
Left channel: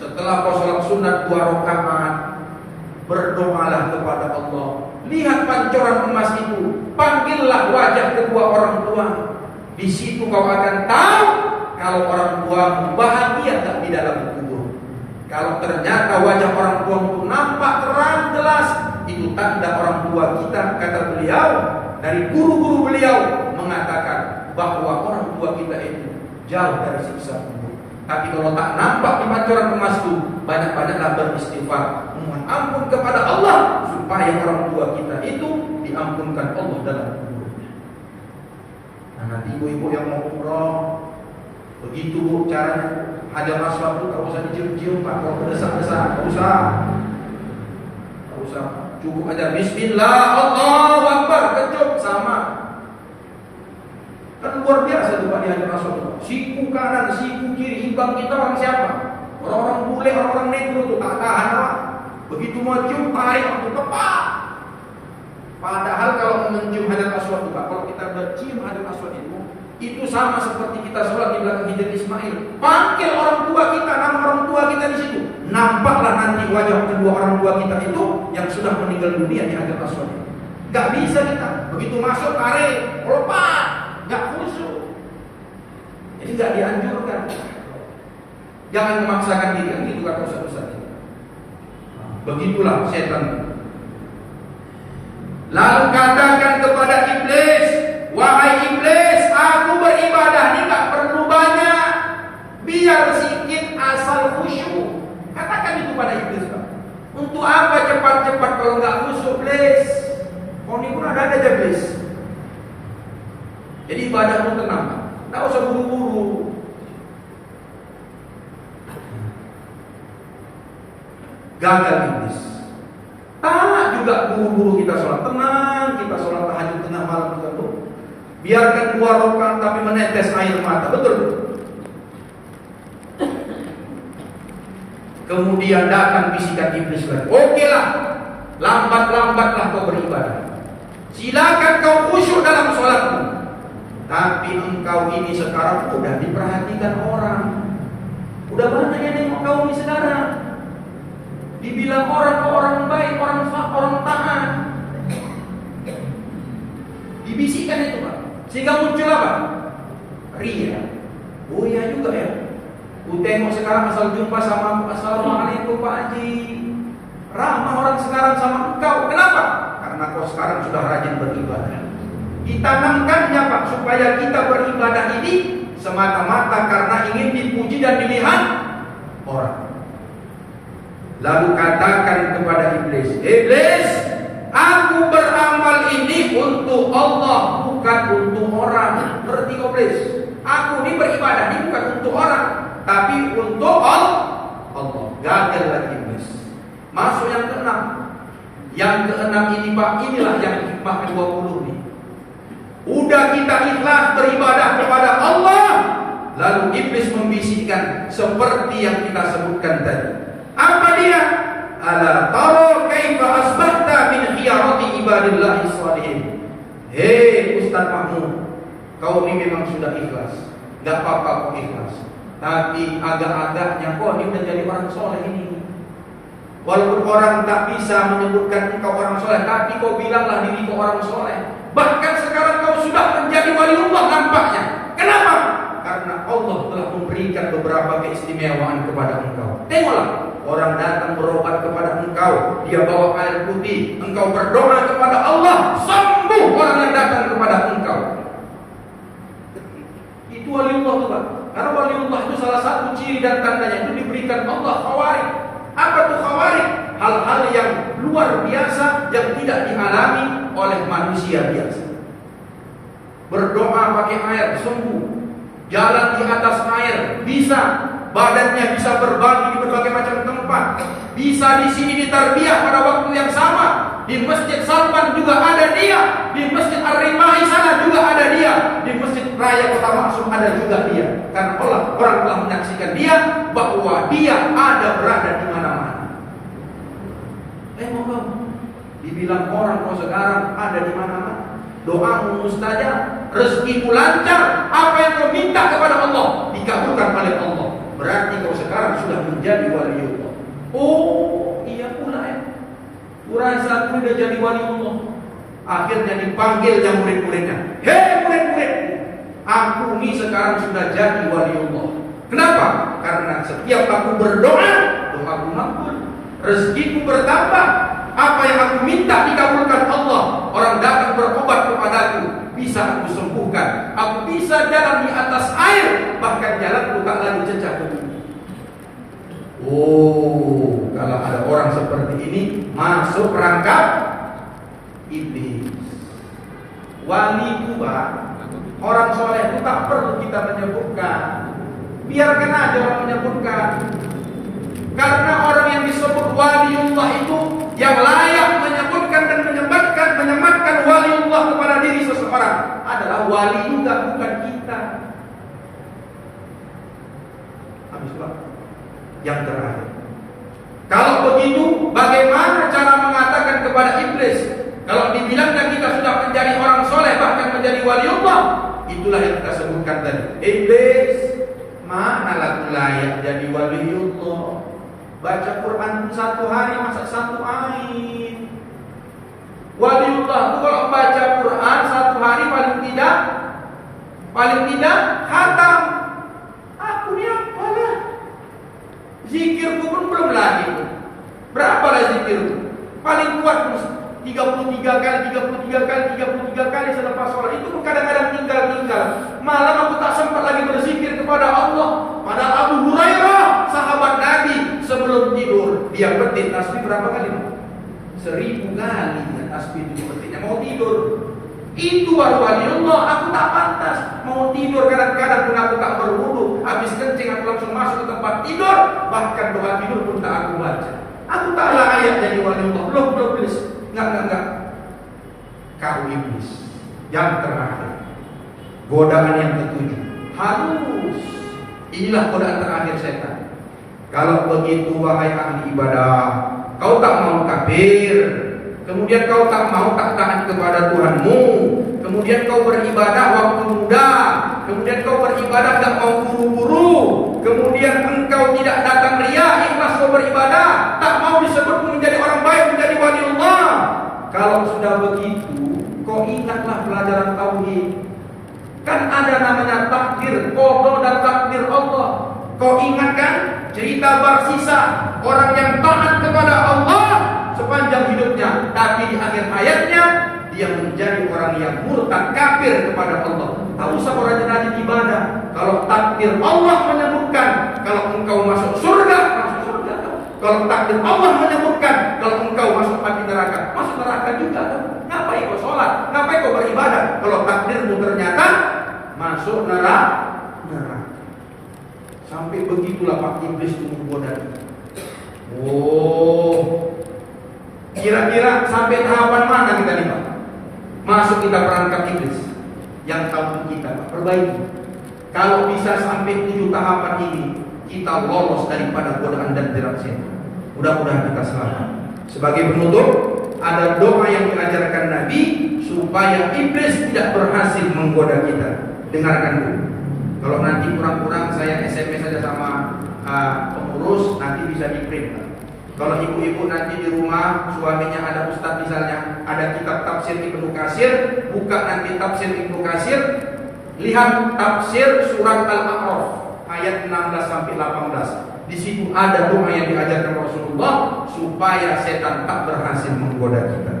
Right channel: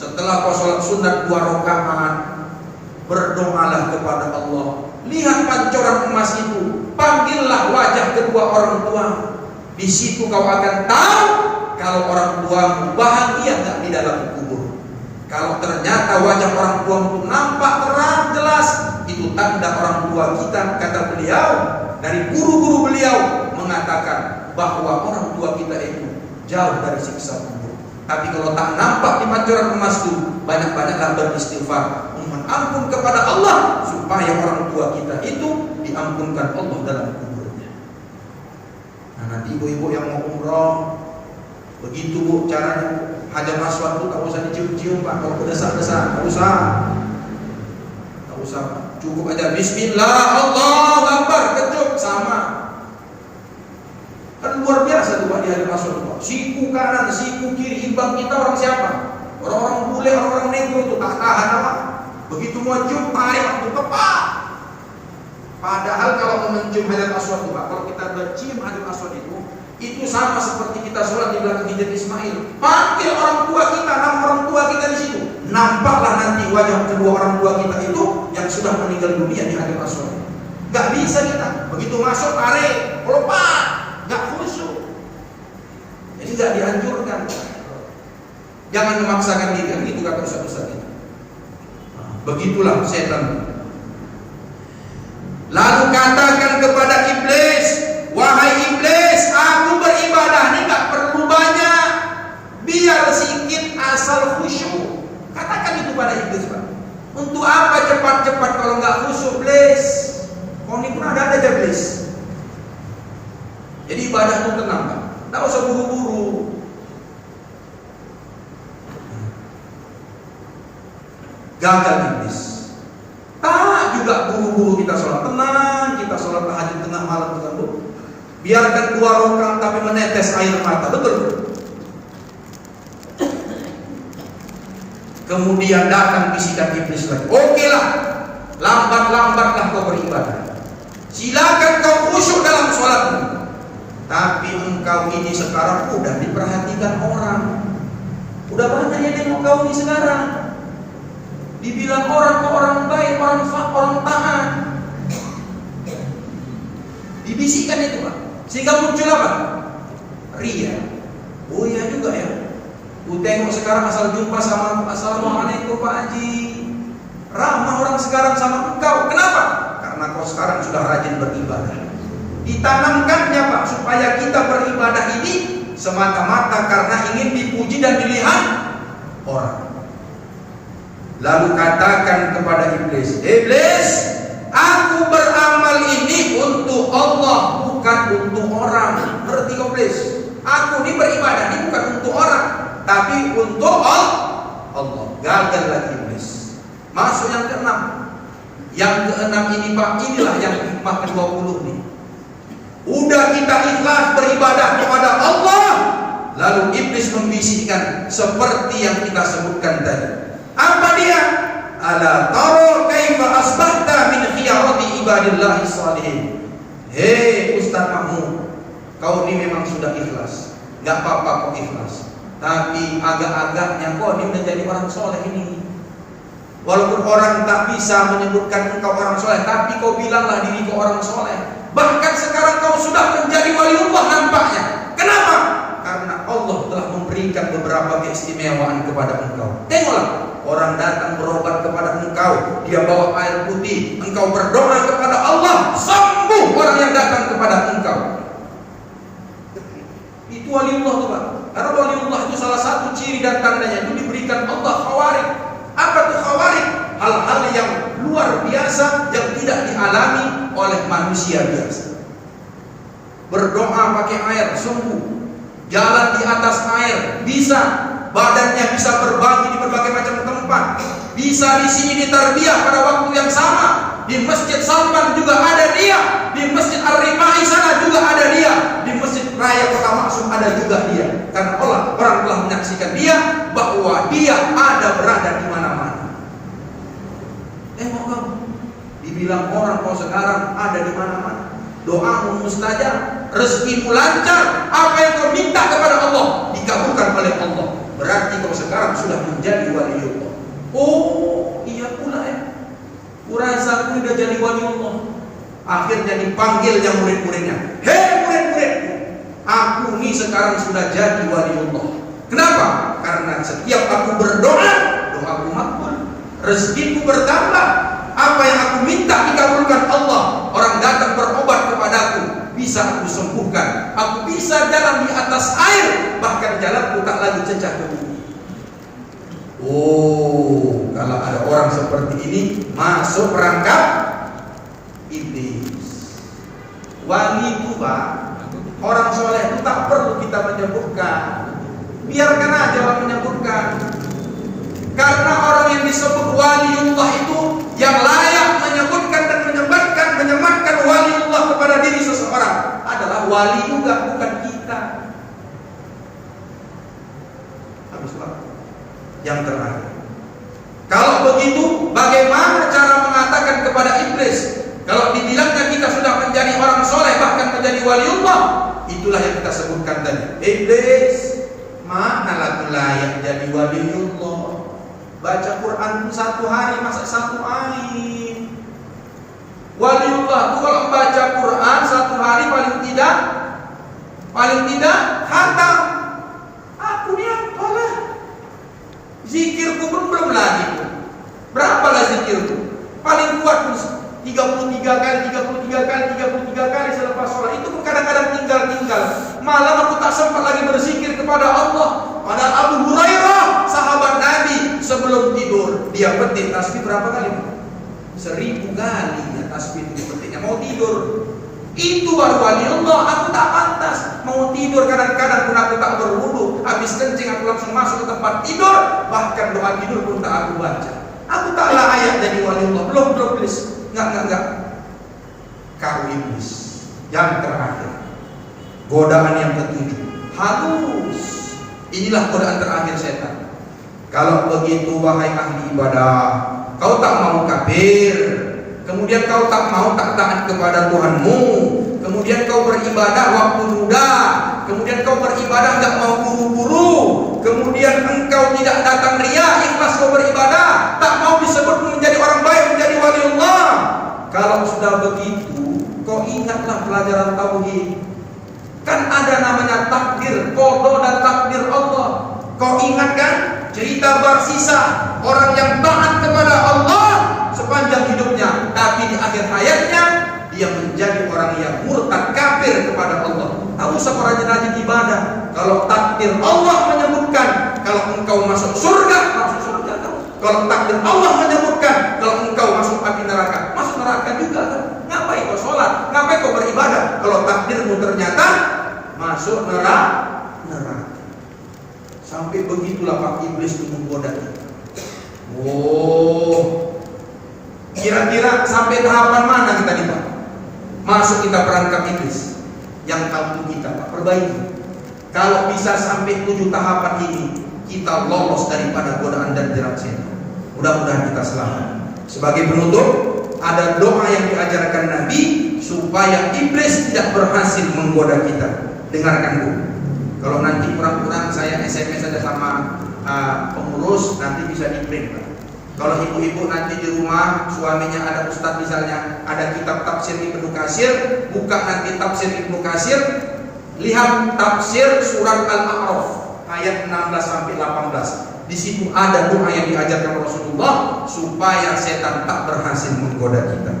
Setelah kau sholat sunat 2 rakaat, berdoalah kepada Allah. Lihat pancoran emas itu, panggillah wajah kedua orang tua. Di situ kau akan tahu kalau orang tuamu bahagia tak di dalam kubur. Kalau ternyata wajah orang tua itu nampak terang jelas, itu tanda orang tua kita, kata beliau, dari guru-guru beliau mengatakan bahwa orang tua kita itu jauh dari siksa kubur. Tapi kalau tak nampak di pancoran emas itu, banyak-banyaklah beristighfar, mohon ampun kepada Allah supaya orang tua kita itu diampunkan Allah dalam kuburnya. Nah, nanti ibu-ibu yang mau umroh, begitu bu caranya. Hajar aswad itu tak usah dicium-cium pak, kalau berdesak-desak, tak usah, cukup aja Bismillah, Allahu Akbar, kecup sama. Kan luar biasa tuh pak di hajar aswad itu pak. Siku kanan, siku kiri, imbang kita orang siapa? Orang-orang bule, orang-orang negro tuh tak tahan apa. Begitu mau cium, tarik waktu tepat. Padahal kalau mencium hajar aswad itu pak, kalau kita bercium hajar aswad itu sama seperti kita sholat di belakang Hijr Ismail. Panggil orang tua kita, nama orang tua kita di situ. Nampaklah nanti wajah kedua orang tua kita itu yang sudah meninggal dunia di Hajar Aswad. Gak bisa kita begitu masuk tarik, lepas, gak khusyuk. Jadi gak dianjurkan. Jangan memaksakan diri, kan gitu kata Ustaz-Ustaz. Begitulah setan. Lalu katakan kepada iblis, wahai iblis, aku beribadah ini gak perlu banyak, biar sedikit asal khusyuk. Katakan itu pada iblis Pak. Untuk apa cepat-cepat kalau gak khusyuk iblis? Kau ini pun ada aja iblis. Jadi ibadah itu tenang Pak, tak usah buru-buru. Gagal iblis. Tak juga buru-buru kita sholat, tenang kita sholat tahajud tengah malam kita bu. Biarkan 2 rakaat tapi menetes air mata, betul? Kemudian datang bisikan iblis lagi. Oke lah, lambat-lambatlah kau beribadah. Silakan kau khusyuk dalam sholatmu. Tapi engkau ini sekarang udah diperhatikan orang. Udah banyak yang nengok kau ini sekarang. Dibilang orang ke orang baik, orang taat. Dibisikkan itu Pak. Sehingga muncul apa? Ria. Oh iya juga ya. Ku tengok sekarang asal jumpa sama assalamualaikum Pak Haji. Ramah orang sekarang sama engkau. Kenapa? Karena kau sekarang sudah rajin beribadah. Ditanamkannya Pak, supaya kita beribadah ini semata-mata karena ingin dipuji dan dilihat orang. Lalu katakan kepada iblis, "Iblis, aku beramal ini untuk Allah, bukan untuk orang." Ngerti iblis? Aku ini beribadah ini bukan untuk orang, tapi untuk Allah. Gagal lagi iblis. Masuk yang keenam. Yang keenam ini Pak, inilah yang hikmah ke-20 nih. Udah kita ikhlas beribadah kepada Allah, lalu iblis membisikkan seperti yang kita sebutkan tadi. Apa dia? Ala tara kaifa asbahta min khiyarati ibadillahi shalihin. Hei Ustaz Mahmud, kau ini memang sudah ikhlas. Gak apa-apa kau ikhlas, tapi agak-agaknya kau ini udah jadi orang soleh ini. Walaupun orang tak bisa menyebutkan engkau orang soleh, tapi kau bilanglah diri kau orang soleh. Bahkan sekarang kau sudah menjadi waliullah nampaknya. Kenapa? Karena Allah telah memberikan beberapa keistimewaan kepada engkau. Tengoklah, orang datang berobat kepada engkau, dia bawa air putih, engkau berdoa kepada Allah, sembuh orang yang datang kepada engkau. Itu waliullah tuh Pak. Karena waliullah itu salah satu ciri dan tandanya itu diberikan Allah khawarik. Apa tuh khawarik? Hal-hal yang luar biasa yang tidak dialami oleh manusia biasa. Berdoa pakai air sembuh, jalan di atas air bisa, badannya bisa berbagi di berbagai macam tempat, bisa di sini ditarbiyah pada waktu yang sama. Di Masjid Salman juga ada dia, di Masjid Ar-Rifai sana juga ada dia, di Masjid Raya Kota Maksum ada juga dia. Karena orang telah menyaksikan dia bahwa dia ada berada di mana-mana. Kau dibilang orang kau sekarang ada di mana-mana. Doamu mustajab, rezekimu lancar, apa yang kau minta kepada Allah dikabulkan oleh Allah. Berarti kau sekarang sudah menjadi waliullah. Oh, iya pula ya. Kurasa aku udah jadi waliullah. Akhirnya dipanggil yang murid-muridnya. Hei murid-muridku, aku ini sekarang sudah jadi waliullah. Kenapa? Karena setiap aku berdoa, doaku makbul, rezekiku bertambah, apa yang aku minta dikabulkan Allah. Orang datang berobat kepadaku, bisa aku sembuhkan. Aku bisa jalan di atas air, bahkan jalanku tak lagi cecah ke bumi. Oh, kalau ada orang seperti ini masuk perangkap iblis. Wali itu Pak, orang soleh itu tak perlu kita menyebutkan. Biarkan aja orang menyebutkan. Karena orang yang disebut waliullah itu yang layak menyebutkan dan menyematkan waliullah kepada diri seseorang adalah wali juga, bukan kita. Habis Pak. Yang terakhir, kalau begitu bagaimana cara mengatakan kepada iblis kalau dibilangnya kita sudah menjadi orang soleh bahkan menjadi waliullah? Itulah yang kita sebutkan tadi. Iblis, mana lagu layak jadi waliullah? Baca Quran satu hari masa satu air. Waliullah itu kalau baca Quran satu hari paling tidak khatam. Aku ni apalah, zikirku pun belum lagi. Berapalah zikirku? Paling kuat 33 kali selepas sholat. Itu pun kadang-kadang tinggal. Malam aku tak sempat lagi berzikir kepada Allah. Padahal Abu Hurairah, sahabat Nabi, sebelum tidur dia petik tasbih berapa kali? 1000 kali ya tasbih itu petiknya mau tidur. Itu baru waliullah. Aku tak pantas mau tidur, kadang-kadang pun aku tak berwudu, habis kencing aku langsung masuk ke tempat tidur, bahkan doa tidur pun tak aku baca. Aku tak layak jadi waliullah. Belum please. Enggak. Kau iblis. Yang terakhir, godaan yang ketujuh, halus. Inilah godaan terakhir setan. Kalau begitu wahai ahli ibadah, kau tak mau kafir, kemudian kau tak mau tak taat kepada Tuhanmu, kemudian kau beribadah waktu muda, kemudian kau beribadah tak mau buru-buru, kemudian engkau tidak datang riya, ikhlas kau beribadah, tak mau disebut menjadi orang baik, menjadi waliullah. Kalau sudah begitu, kau ingatlah pelajaran tauhid. Kan ada namanya takdir qada dan takdir Allah. Kau ingatkan cerita bersisa orang yang taat kepada Allah sepanjang hidupnya, tapi di akhir hayatnya dia menjadi orang yang murtad kafir kepada Allah. Tak usah rajin-rajin ibadah. Kalau takdir Allah menyebutkan kalau engkau masuk surga, masuk surga. Kalau takdir Allah menyebutkan kalau engkau masuk api neraka, masuk neraka juga kan? Ngapain kau sholat? Ngapain kau beribadah? Kalau takdirmu ternyata masuk neraka. Sampai begitulah Pak Iblis itu menggoda kita. Oh, kira-kira sampai tahapan mana kita nih Pak? Masuk kita perangkap iblis. Yang tahu kita Pak, perbaiki. Kalau bisa sampai 7 tahapan ini, kita lolos daripada godaan dan jerat setan. Mudah-mudahan kita selamat. Sebagai penutup, ada doa yang diajarkan Nabi supaya iblis tidak berhasil menggoda kita. Dengarkan dulu. Kalau nanti kurang-kurang saya SMS saja sama pengurus, nanti bisa di-print Pak. Kalau ibu-ibu nanti di rumah suaminya ada ustadz misalnya, ada kitab tafsir Ibnu Katsir, buka nanti tafsir Ibnu Katsir, lihat tafsir surat Al-A'raf ayat 16 sampai 18. Di situ ada doa yang diajarkan Rasulullah supaya setan tak berhasil menggoda kita.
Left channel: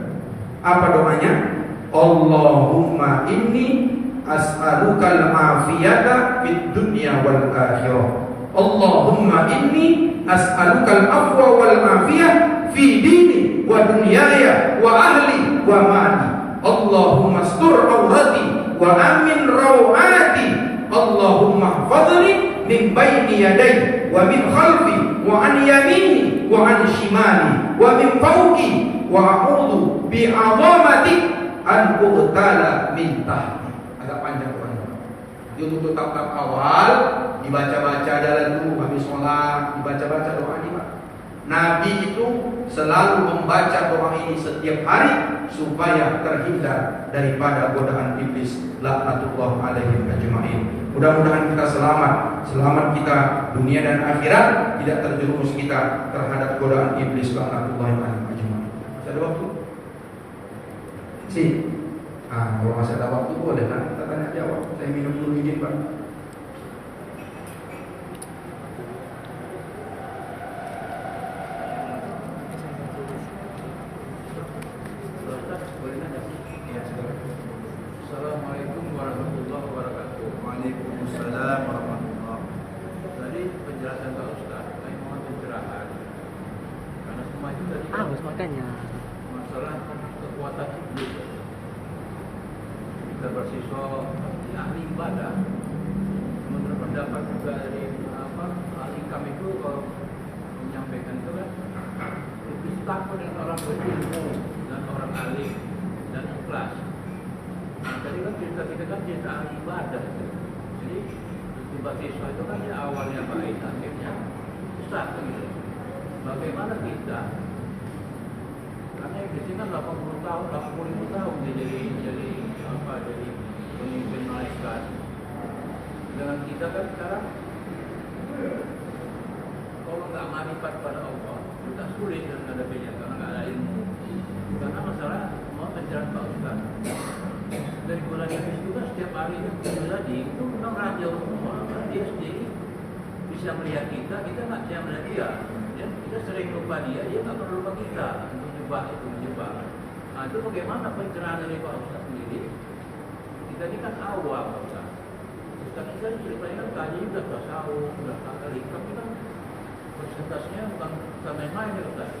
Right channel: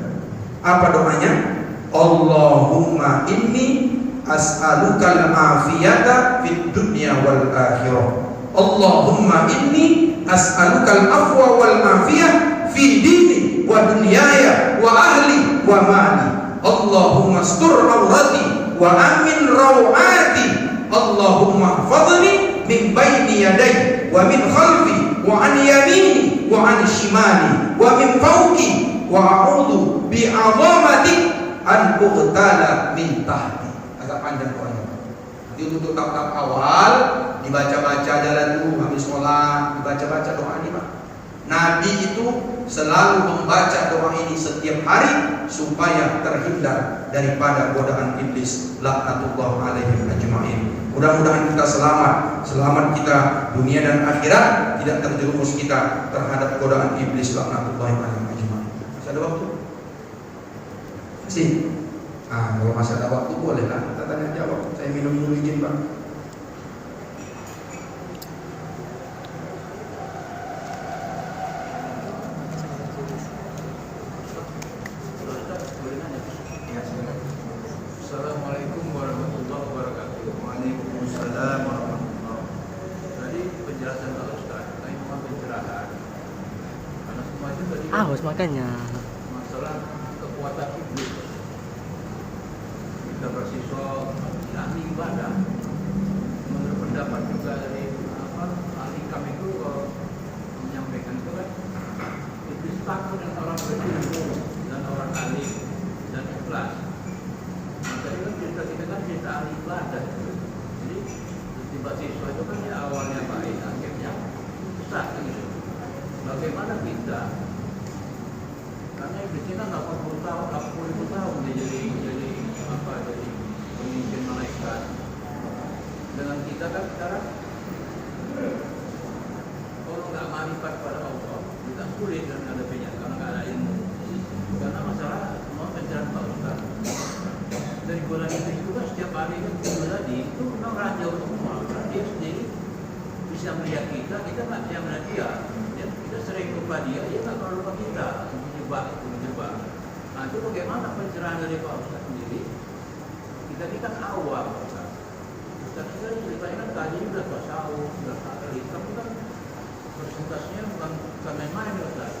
Apa doanya? Allahumma inni as'alukal afiyata fid dunya wal akhirah. Allahumma inni as'alukal afwa wal afiyah fi dini wa dunyaya wa ahli wa mali. Allahumma astur awrati wa amin rawati. Allahumma hafadhni min bayni yaday wa min khalfi wa an yamini wa an shimali wa min fawqi wa a'udhu bi 'azamatik an uqtala min tahti. Agak panjang doanya. Jadi untuk tahap awal dibaca-baca jalan dulu habis sholat, dibaca-baca doa ini Pak. Nabi itu selalu membaca doa ini setiap hari supaya terhindar daripada godaan iblis laknatullah alaihim ajma'in. Mudah-mudahan kita selamat kita dunia dan akhirat, tidak terjerumus kita terhadap godaan iblis laknatullah alaihim ajma'in. Masih ada waktu? Sih. Kalau masih ada waktu boleh lah kita tanya jawab. Saya minum izin Pak. Assalamualaikum warahmatullahi wabarakatuh. Waalaikumsalam warahmatullahi wabarakatuh. Tadi penjelasan Pak Ustaz, saya mohon pencerahan. Karena semua itu tadi makanya masalah kekuatan iblis. Kita bersiswa di ahli ibadah. Menurut pendapat juga dari ahli kami itu menyampaikan itu kan iblis takut dengan orang berilmu dan orang alim dan ikhlas. Nah, tadi kan kita kan cerita ahli ibadah itu. Jadi tiba siswa itu kan ya awalnya baik, akhirnya sesat gitu. Bagaimana kita? Karena iblis ini kan 80 tahun, 80.000 tahun dia jadi pemimpin malaikat. Dengan kita kan sekarang kalau nggak marifat pada Allah, kita sulit dengan menghadapinya karena nggak ada ilmu. Karena masalah semua pencerahan Pak Ustaz. Dari godaan iblis itu kan setiap hari kan tadi itu memang raja semua. Karena dia sendiri bisa melihat kita nggak bisa melihat dia. Kita sering lupa dia nggak pernah lupa kita. Menjebak. Nah itu bagaimana pencerahan dari Pak Ustaz sendiri? Kita ini kan awam Pak Ustaz. Ustaz ini ceritanya kan kaji udah tasawuf, udah rikam ini kan persentasenya bukan main-main ya Ustaz.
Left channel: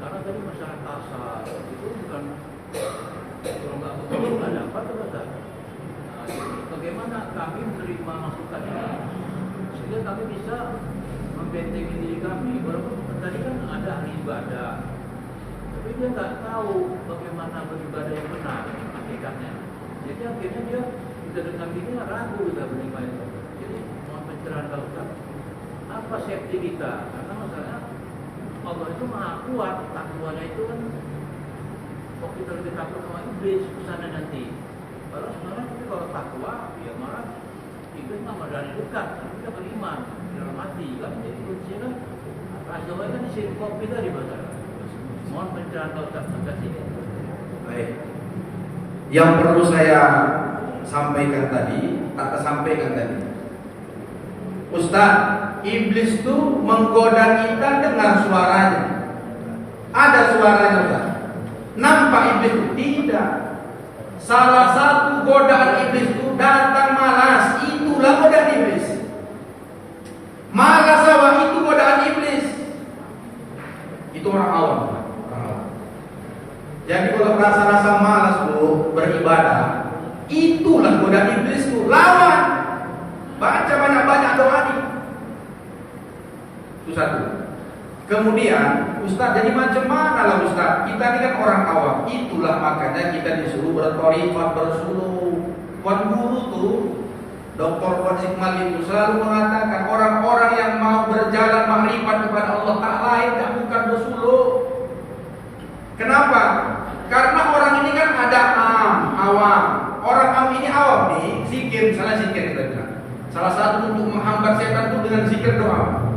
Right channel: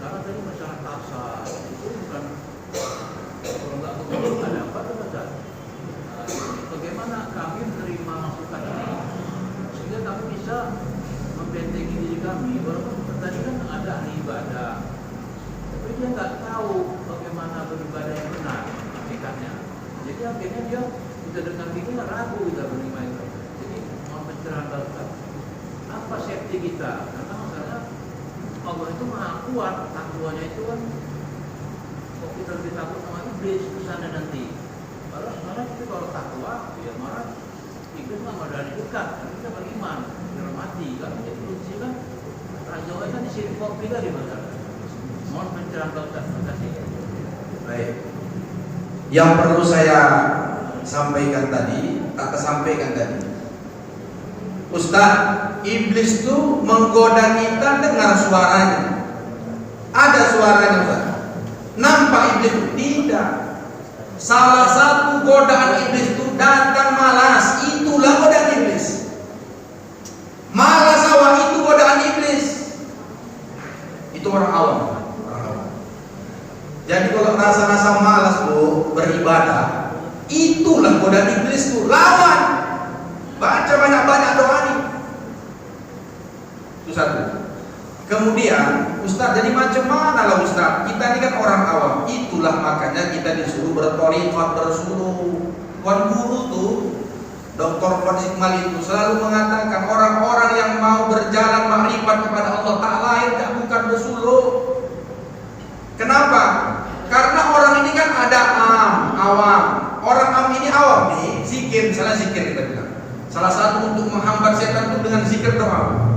Karena tadi masalah tasawuf itu bukan kalau nggak begitu ada apa tuh Ustaz? Nah, bagaimana kami menerima masukan ini sehingga kami bisa membentengi diri kami. Walaupun tadi kan ada ahli ibadah, tapi dia nggak tahu bagaimana beribadah yang benar hakikatnya. Jadi akhirnya dia kita dengar gini ragu kita beribadah itu. Jadi mohon pencerahan Pak Ustaz. Apa safety kita? Karena masalahnya Allah itu maha kuat, takwanya itu kan kok kita lebih takut sama iblis kesana nanti. Kalau sebenarnya kita kalau takwa, ya marah iblis mah dari dekat, karena kita beriman, dihormati kan. Jadi kuncinya kan rajanya kan di sini kopi dari masalah. Mohon pencerahan Pak Ustaz. Terima kasih. Baik. Yang perlu saya sampaikan tadi, tak tersampaikan tadi. Ustaz, iblis itu menggoda kita dengar suaranya. Ada suaranya Ustaz. Nampak iblis itu? Tidak. Salah satu godaan iblis itu datang malas. Itulah godaan iblis. Malas awak itu godaan iblis. Itu orang awam. Jadi kalau rasa-rasa malas tuh beribadah, itulah godaan iblis tuh. Lawan. Baca banyak-banyak doa nih. Itu satu. Kemudian, Ustaz, jadi macam mana lah Ustaz? Kita ini kan orang awam. Itulah makanya kita disuruh berthariqat, bersuluh. Tuan guru tuh, Dr. Fadzik Malik itu selalu mengatakan orang-orang yang mau berjalan makrifat kepada Allah tak lain tak bukan bersuluh. Kenapa? Karena orang ini kan ada awam. Orang awam ini awam nih, zikir, misalnya zikir kita bilang. Salah satu untuk menghambat setan itu dengan zikir doa.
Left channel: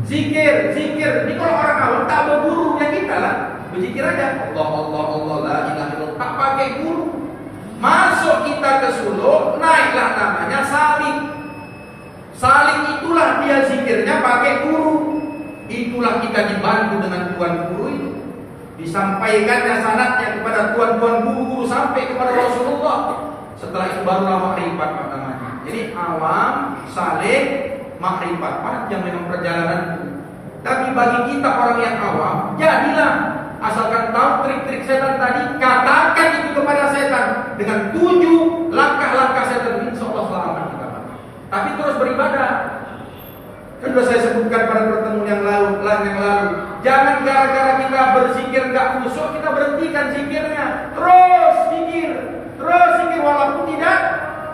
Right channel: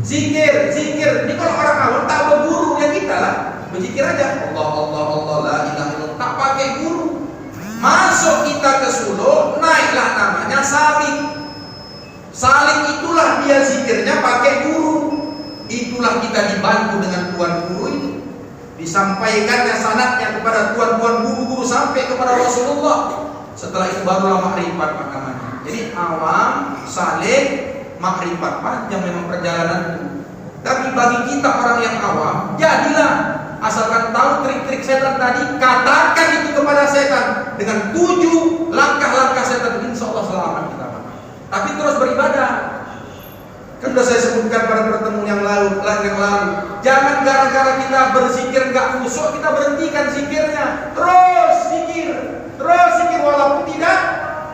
Zikir. Ini kalau orang awam tak berguru ya kita lah. Berzikir aja. Allah, la ilaha illallah. Tak pakai guru. Masuk kita ke suluh, naiklah namanya salik. Salik itulah dia zikirnya pakai guru. Itulah kita dibantu dengan tuan guru itu. Disampaikannya sanadnya kepada tuan-tuan guru-guru sampai kepada Rasulullah. Setelah itu barulah makrifat namanya. Jadi awam, salik, makrifat, panjang memang perjalanan. Tapi bagi kita orang yang awam, jadilah asalkan tahu trik-trik setan tadi, katakan itu kepada setan dengan 7 langkah-langkah setan, insya Allah selamat kita. Tapi terus beribadah. Kan sudah saya sebutkan pada pertemuan yang lalu. Jangan gara-gara kita berzikir nggak khusyuk kita berhentikan zikirnya. Terus zikir walaupun tidak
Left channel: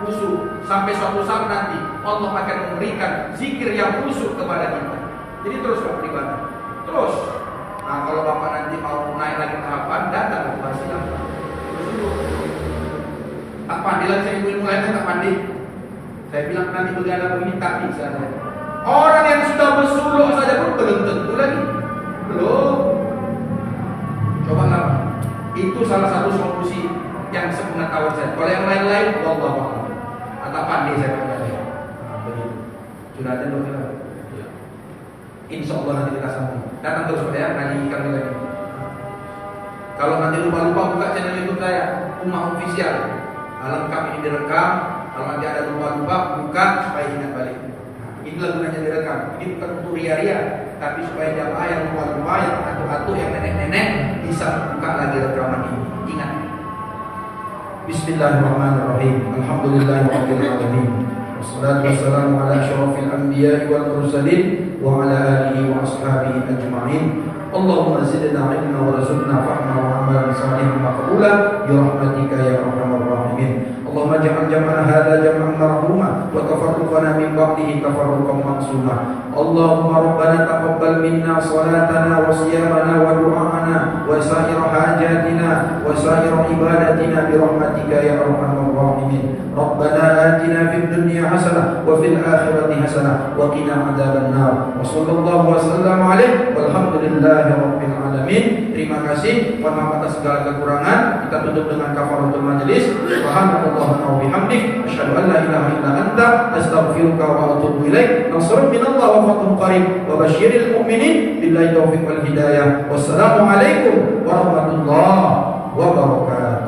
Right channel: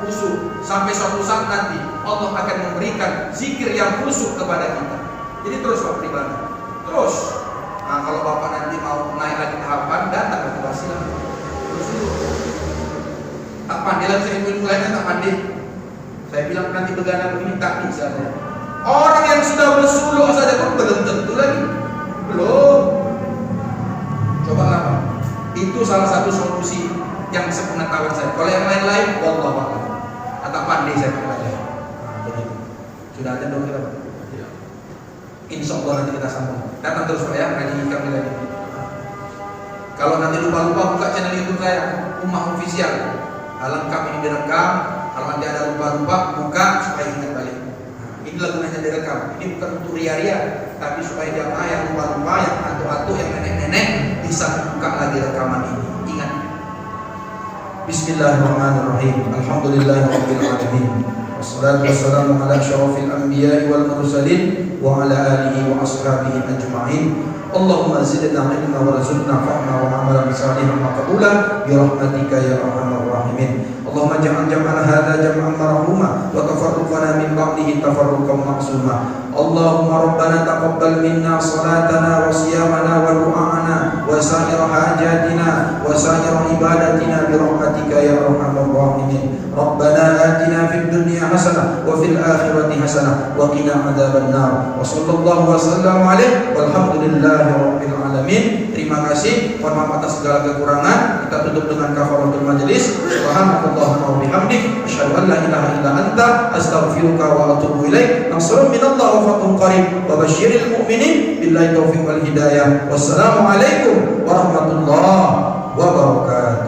khusyuk. Sampai suatu saat nanti Allah akan memberikan zikir yang khusyuk kepada kita. Jadi terus Pak beribadah. Terus. Nah kalau Bapak nanti mau naik lagi tahapan, datang ke Basilam. Terus dulu. Tak pandai lagi saya mulai tak pandai. Saya bilang nanti begadang begini tak bisa saya. Orang yang sudah bersuluh saja pun belum tentu lagi. Belum. Coba lah. Itu salah satu solusi yang sepengetahuan saya. Kalau yang lain-lain, wallahu a'lam. Atau pandai saya mulai. Begitu. Sudah ada dong kita. Insya Allah nanti kita sambung. Datang terus Pak ya, ngaji kami lagi. Kalau nanti lupa-lupa buka channel YouTube saya, Ummah Official. Lengkap ini direkam. Kalau nanti ada lupa-lupa, buka supaya ingat balik. Inilah gunanya direkam. Ini bukan untuk ria-ria, tapi supaya jamaah yang lupa-lupa, yang atu-atu, yang nenek-nenek bisa buka lagi rekaman ini. Ingat. Bismillahirrahmanirrahim. Alhamdulillahirabbil alamin. Wassalatu wassalamu ala asyrafil anbiya'i wal mursalin wa ala alihi wa ashabihi ajma'in. Allahumma zidna ilma warzuqna fahma wa amalan salihan maqbula bi rahmatika ya arhamar rahimin. Allahumma ja'al jam'ana hadha jam'an marhuma wa tafarruqana min ba'dihi tafarruqan maqsuma. Allahumma rabbana taqabbal minna salatana wa siyamana wa du'ana wa sa'ir hajatina wa sa'ir ibadatina bi rahmatika ya arhamar rahimin. Rabbana atina fid dunya hasanah wa fil akhirati hasanah wa qina adzaban nar. Wa sallallahu wa sallam alaihi walhamdulillahi rabbil alamin. Terima kasih. Mohon maaf atas segala kekurangan. Kita tutup dengan kafaratul majelis. Subhanallah wa bihamdik asyhadu an la ilaha illa anta astaghfiruka wa atubu ilaik. Nasrun minallah wa fathun qarib wa basyiril mu'minin billahi taufiq wal hidayah. Wassalamu alaikum warahmatullahi wabarakatuh.